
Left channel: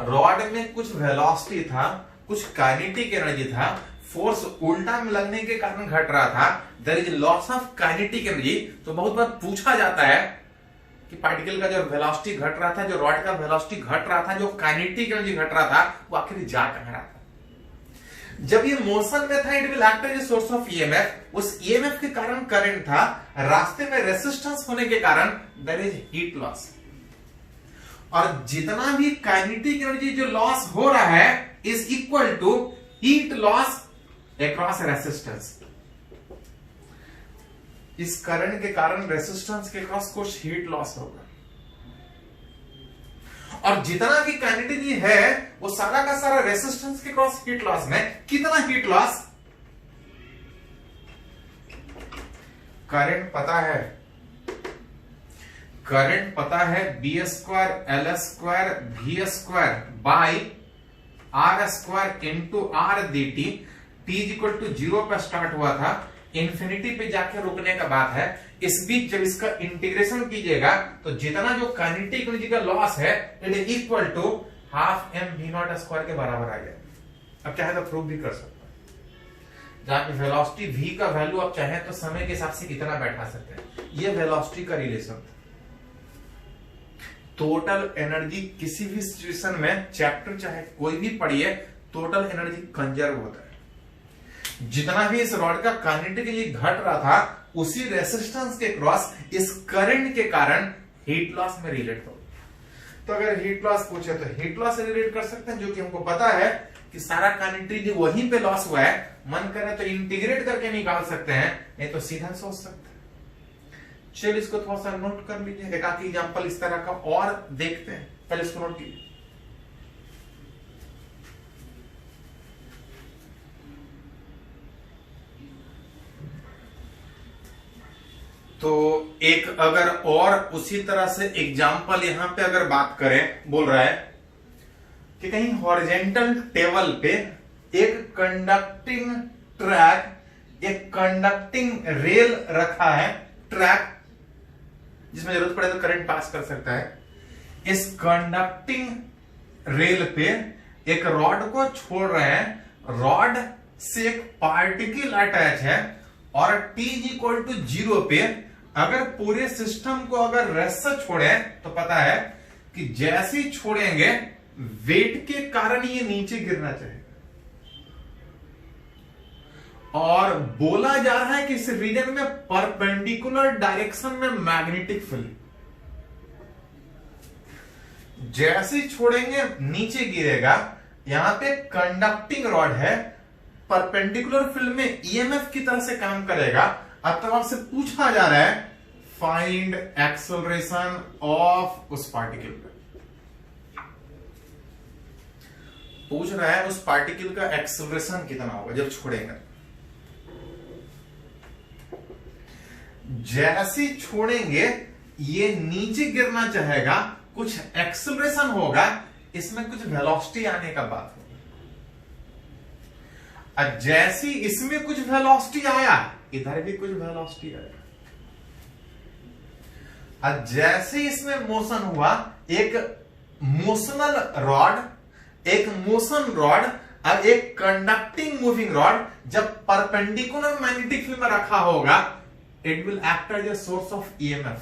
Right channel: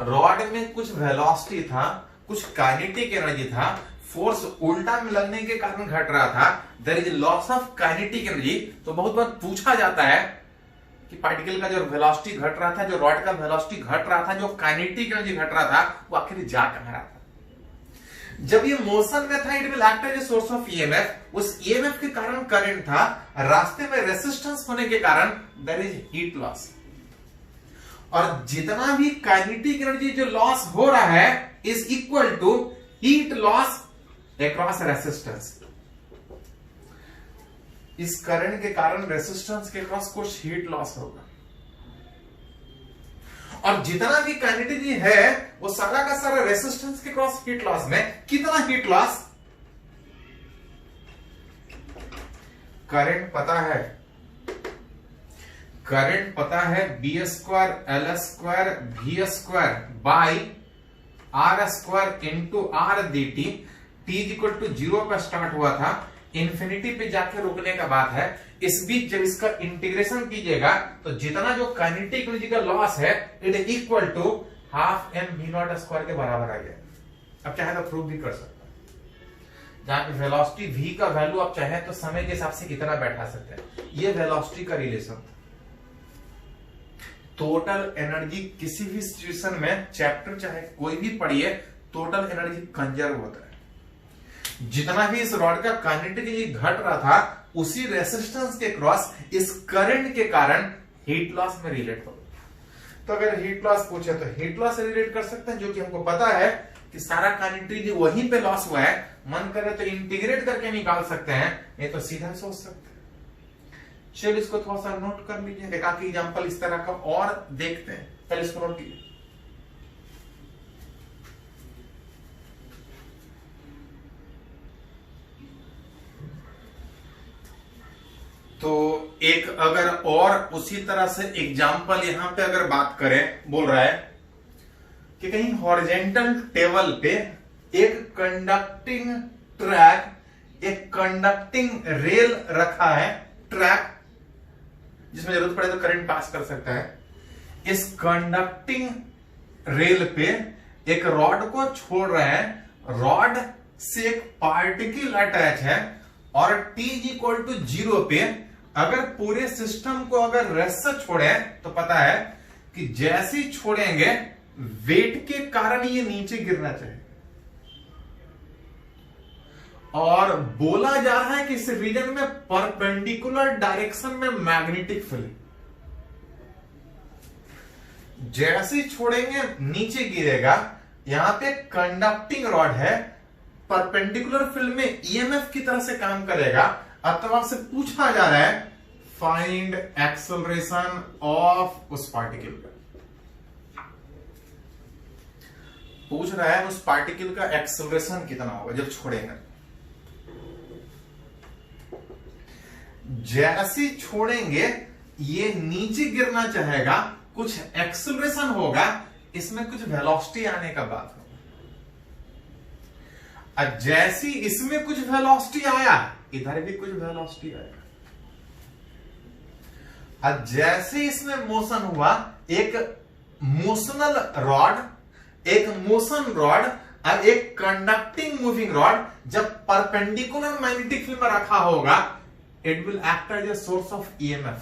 Rod में कुछ वेलोसिटी था, कुछ काइनेटिक एनर्जी था, फोर्स उल्टा में लगने के कारण घट रहा था, there is loss of kinetic energy. तो बहुत बार पूछा जाता है कि पार्टिकल का जो वेलोसिटी घट रहा था, जो रॉड का वेलोसिटी घट रहा था, जो काइनेटिक एनर्जी घट रहा था, वो आखिर जा कहां रहा था? जब ये मोशन में था, it will act as a source of EMF. उस ईएमएफ के कारण करंट था, रास्ते में रेजिस्टेंस होने के कारण देयर इज हीट लॉस। और जितना भी काइनेटिक एनर्जी जो लॉस हो रहा है is equal to heat loss across resistance. इस करंट के कारण रेजिस्टेंस के क्रॉस कुछ हीट लॉस होगा, और जितना भी काइनेटिक है वो सारा का सारा रेजिस्टेंस के क्रॉस हीट लॉस में। कितना हीट लॉस? करंट पता है, करंट पता है B square L square V square by R square into R D T. T is equal to 0 पर स्टार्ट हुआ था, इंफिनिटी पे जाके रुकने का बात है। इस बीच जब इसका इंटीग्रेशन कीजिएगा तो जितना जो काइनेटिक एनर्जी का लॉस है it is equal to half M V not square के बराबर आ गया। अब चाहे तो प्रूव भी कर सकते हैं, जहां पे वेलोसिटी v का वैल्यू आप चाहे तो समय के हिसाब से इतना बैठा सकते हैं। ये वेलोसिटी का रिलेशन। टोटल एनर्जी किसी भी सिचुएशन में, चैप्टर चाहे कोई भी पढ़िए, टोटल एनर्जी कंजर्व होता है। जितना भी इस रॉड का काइनेटिक एनर्जी घट रहा था उसी रेजिस्टेंस के क्रॉस इस करंट के कारण हीट लॉस में रिलेट होगा। तो अगर हीट लॉस पूछे तो हीट लॉस से रिलेट कर सकते हैं, जो कि हमको पता है कि सारा काइनेटिक एनर्जी वहीं पे लॉस हुआ है। मन करे तो इंटीग्रेट करके निकाल सकते हैं, नहीं तो सीधा सोच सकते हैं। चलिए इसको थोड़ा सा नोट कर लीजिए, एक आखिरी एग्जांपल इस तरह का और देखते हैं। पहले इसको नोट कीजिए। तो एक अगर और उसी तरह से एग्जाम्पल यहां पे अगर बात करें, बोल रहा है कि कहीं हॉरिजेंटल टेबल पे एक कंडक्टिंग ट्रैक, एक कंडक्टिंग रेल रखा है, ट्रैक जिसमें जरूरत पड़े तो करंट पास कर सकता है। इस कंडक्टिंग रेल पे एक रॉड को छोड़ रहे हैं, रॉड से एक पार्टिकल अटैच है और t इक्वल टू 0 पे अगर पूरे सिस्टम को अगर रेस्ट से छोड़े तो पता है कि जैसे ही छोड़ेंगे वेट के कारण ये नीचे गिरना चाहिए। और बोला जा रहा है कि इस रीजन में परपेंडिकुलर डायरेक्शन में मैग्नेटिक फील्ड, जैसे ही छोड़ेंगे नीचे गिरेगा। यहां पे कंडक्टिंग रॉड है, परपेंडिकुलर फील्ड में ईएमएफ की तरह से काम करेगा। अथवा से पूछा जा रहा है फाइंड एक्सेलरेशन ऑफ उस पार्टिकल का, पूछ रहा है उस पार्टिकल का एक्सेलरेशन कितना होगा जब छोड़ेंगे। जैसे छोड़ेंगे ये नीचे गिरना चाहेगा, कुछ एक्सेलरेशन होगा, इसमें कुछ वेलोसिटी आने का बात होगा। और जैसे इसमें कुछ वेलोसिटी आया इधर भी कुछ वेलोसिटी आएगा। और जैसे इसमें मोशन हुआ, एक मोशनल रॉड, एक मोशन रॉड और एक कंडक्टिंग मूविंग रॉड जब परपेंडिकुलर मैग्नेटिक फील्ड में रखा होगा, it will act as a source of EMF.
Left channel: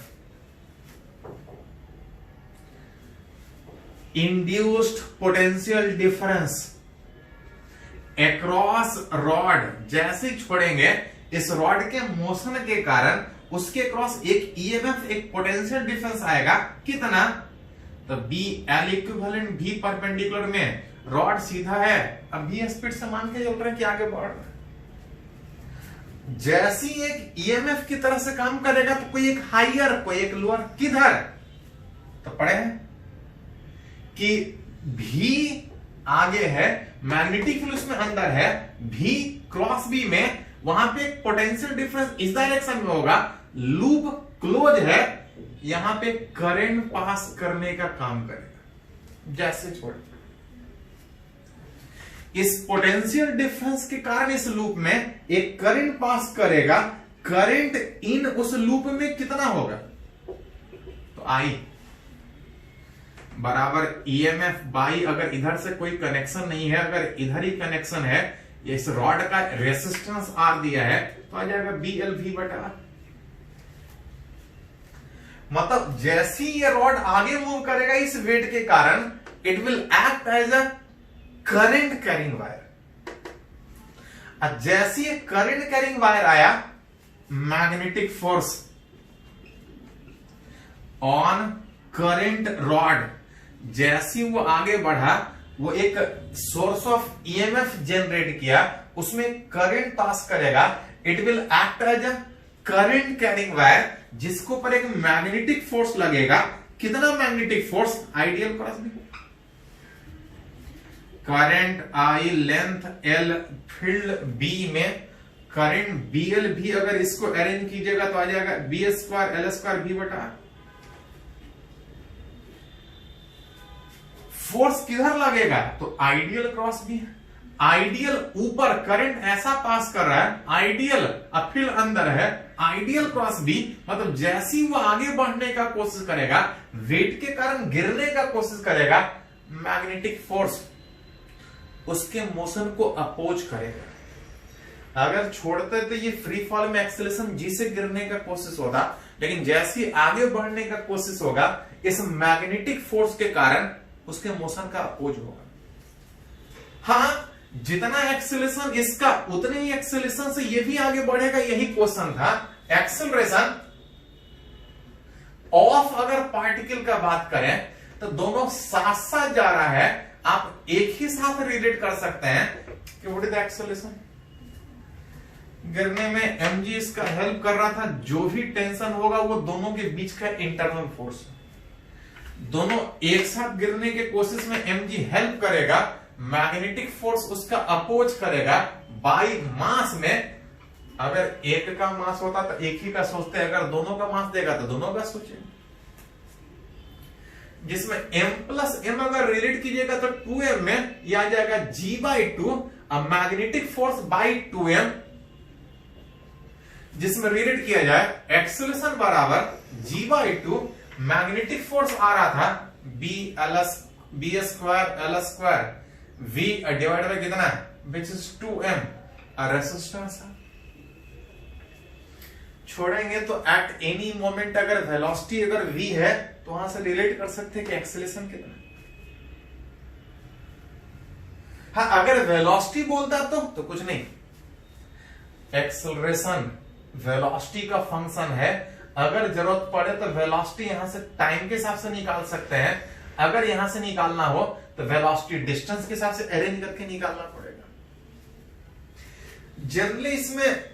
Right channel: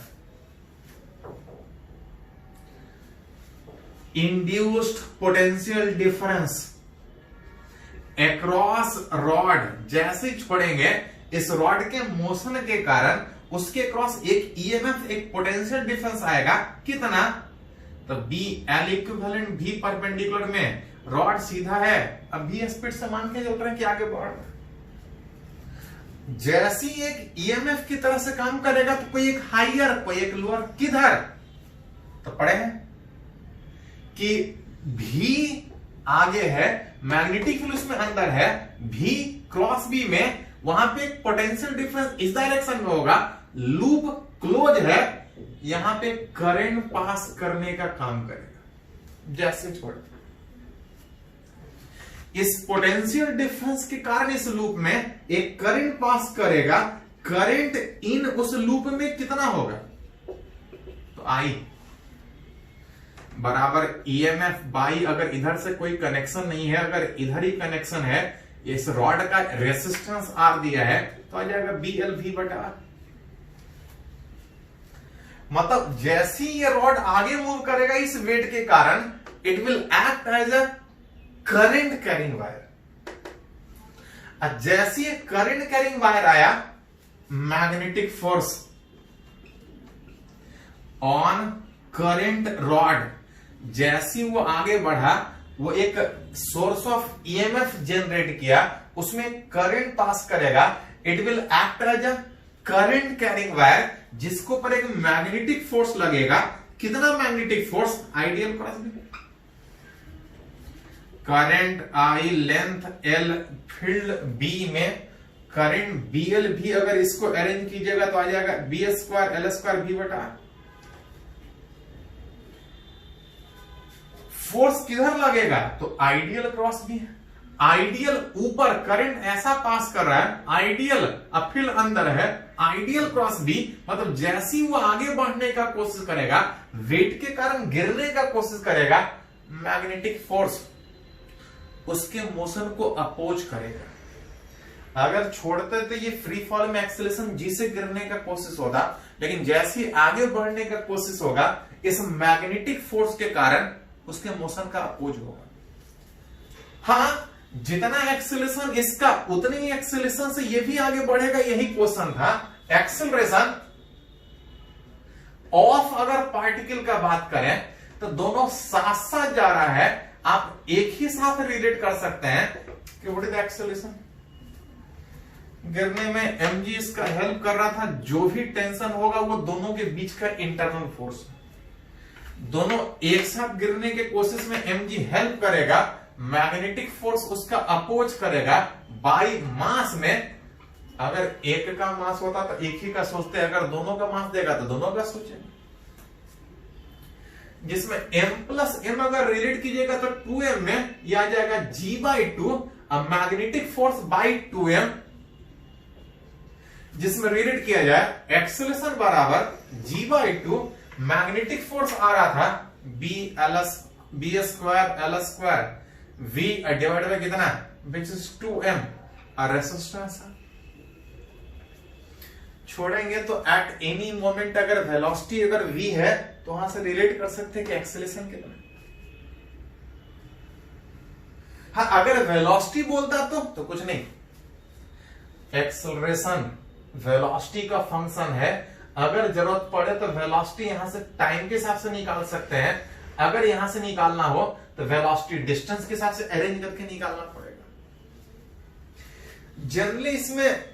Induced potential difference across rod, जैसे ही छोड़ेंगे इस रॉड के मोशन के कारण उसके क्रॉस एक ईएमएफ, एक पोटेंशियल डिफरेंस आएगा। कितना? तो बी एल इक्विवेलेंट भी परपेंडिकुलर में, रॉड सीधा है, अब बी स्पीड से मान के चल रहे हैं कि आगे बढ़ रहा है। जैसे एक ईएमएफ की तरह से काम करेगा तो कोई एक हाइयर कोई एक लोअर, किधर? तो पढ़े हैं कि भी आगे है, मैग्नेटिक फील्ड उसमें अंदर है, भी क्रॉस बी में, वहां पे एक पोटेंशियल डिफरेंस इस डायरेक्शन में होगा, लूप क्लोज है, यहां पे करंट पास करने का काम करेगा। जैसे छोड़ इस पोटेंशियल डिफरेंस के कारण इस लूप में एक करंट पास करेगा। करंट इन उस लूप में कितना होगा? तो आई बराबर ईएमएफ बाई, अगर इधर से कोई कनेक्शन नहीं है, अगर इधर ही कनेक्शन है, इस रॉड का रेसिस्टेंस आर दिया है तो आ जाएगा बीएल भी बटा। मतलब जैसे ही ये रॉड आगे मूव करेगा इस वेट के कारण, it will act as a current carrying wire. जैसे ये करंट कैरिंग वायर आया, magnetic force on current rod, जैसे वो आगे बढ़ा, वो एक सोर्स ऑफ ईएमएफ जनरेट किया, उसमें करंट पास करेगा, it will act as a current carrying wire, जिसको पर एक मैग्नेटिक फोर्स लगेगा। कितना magnetic force? Ideal cross B, current I, length L, field B में करंट बीएल भी, अगर इसको अरेंज कीजिएगा तो आ जाएगा बी स्क्वायर एल स्क्वायर भी बटा। फोर्स किधर लगेगा? तो आइडियल क्रॉस भी है, आइडियल ऊपर करंट ऐसा पास कर रहा है, आइडियल फील्ड अंदर है, आइडियल क्रॉस बी, मतलब जैसी वो आगे बढ़ने का कोशिश करेगा, वेट के कारण गिरने का कोशिश करेगा, मैग्नेटिक फोर्स उसके मोशन को अपोज करेगा। अगर छोड़ते तो ये फ्री फॉल में एक्सेलरेशन जी से गिरने का कोशिश होगा, लेकिन जैसे आगे बढ़ने का कोशिश होगा, इस मैग्नेटिक फोर्स के कारण उसके मोशन का अपोज होगा। हाँ, जितना एक्सेलरेशन इसका उतने ही एक्सेलरेशन से ये भी आगे बढ़ेगा, यही क्वेश्चन था। एक्सेलरेशन ऑफ अगर पार्टिकल का बात करें तो दोनों साथ साथ जा रहा है, आप एक ही साथ रिलेट कर सकते हैं कि व्हाट इज द एक्सेलरेशन। गिरने में mg इसका हेल्प कर रहा था, जो भी टेंशन होगा वो दोनों के बीच का इंटरनल फोर्स है। दोनों एक साथ गिरने के कोशिश में mg हेल्प करेगा, मैग्नेटिक फोर्स उसका अपोज करेगा बाई मास में। अगर एक का मास होता तो एक ही का सोचते, अगर दोनों का मास देगा तो दोनों का सोचे। जिसमें m प्लस m अगर रिलेट कीजिएगा तो 2m में यह आ जाएगा g/2, अब मैग्नेटिक फोर्स बाई 2m, जिसमें रिलेट किया जाए एक्सेलरेशन बराबर g/2, मैग्नेटिक फोर्स आ रहा था B square L square, v divide by कितना, विच इज 2m, और रेसिस्टेंस है। छोड़ेंगे तो एट एनी मोमेंट अगर वेलोसिटी अगर v है तो वहां से रिलेट कर सकते हैं कि एक्सेलरेशन कितना है। हाँ, अगर वेलोसिटी बोलता तो कुछ नहीं, एक्सेलरेशन वेलोसिटी का फंक्शन है। अगर जरूरत पड़े तो वेलोसिटी यहां से टाइम के हिसाब से निकाल सकते हैं, अगर यहां से निकालना हो तो वेलोसिटी डिस्टेंस के हिसाब से अरेंज करके निकालना पड़ेगा। जनरली इसमें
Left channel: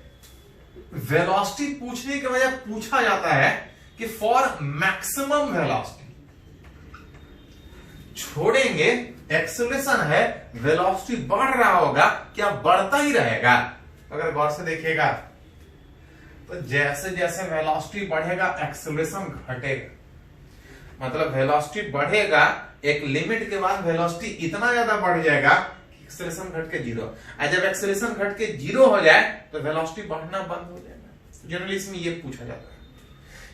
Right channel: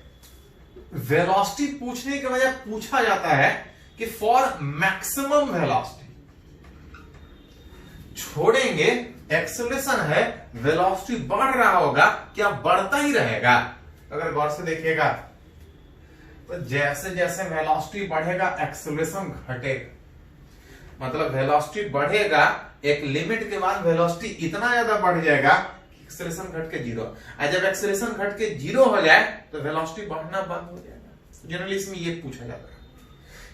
वेलोसिटी पूछने की वजह पूछा जाता है कि फॉर मैक्सिमम वेलोसिटी। छोड़ेंगे, एक्सेलरेशन है, वेलोसिटी बढ़ रहा होगा, क्या बढ़ता ही रहेगा? अगर गौर से देखिएगा तो जैसे जैसे वेलोसिटी बढ़ेगा एक्सेलरेशन घटेगा। मतलब वेलोसिटी बढ़ेगा, एक लिमिट के बाद वेलोसिटी इतना ज्यादा बढ़ जाएगा कि एक्सेलरेशन घट के जीरो। और जब एक्सेलरेशन घट के जीरो हो जाए तो वेलोसिटी बढ़ना बंद हो जाएगा। जनरली इसमें ये पूछा जाता है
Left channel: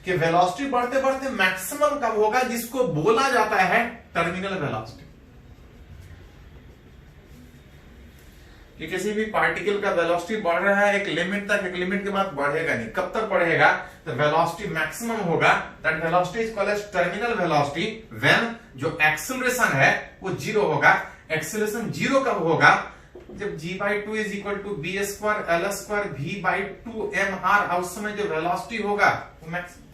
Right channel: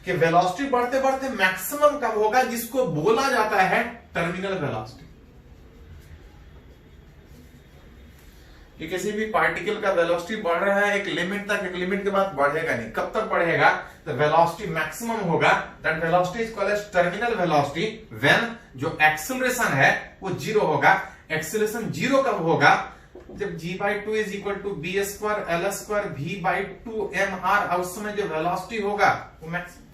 कि वेलोसिटी बढ़ते बढ़ते मैक्सिमम कब होगा, जिसको बोला जाता है टर्मिनल वेलोसिटी। कि किसी भी पार्टिकल का वेलोसिटी बढ़ रहा है एक लिमिट तक, एक लिमिट के बाद बढ़ेगा नहीं। कब तक बढ़ेगा? तो वेलोसिटी मैक्सिमम होगा, that velocity is called as terminal velocity when जो एक्सेलरेशन है वो जीरो होगा। एक्सेलरेशन जीरो कब होगा? जब g/2 is equal to b square l square v/2 mr, उस समय जो वेलोसिटी होगा वो मैक्सिमम।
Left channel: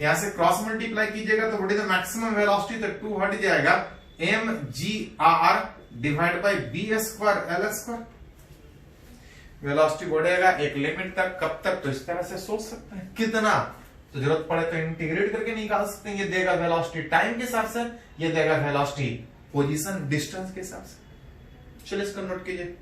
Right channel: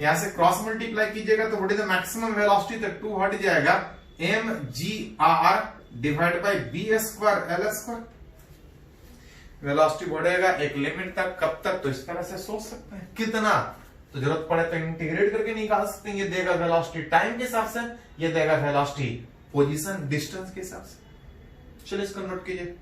यहां से क्रॉस मल्टीप्लाई कीजिएगा तो what is the maximum velocity, तो 2 हट जाएगा, mgr divide by B square L square. Velocity बढ़ेगा एक लिमिट तक, कब तक? तो इस तरह से सोच सकते हैं। कितना? तो जरूरत पड़े तो इंटीग्रेट करके निकाल सकते हैं। ये देगा वेलोसिटी टाइम के हिसाब से, ये देगा वेलोसिटी पोजीशन डिस्टेंस के हिसाब से। चलिए इसको नोट कीजिए।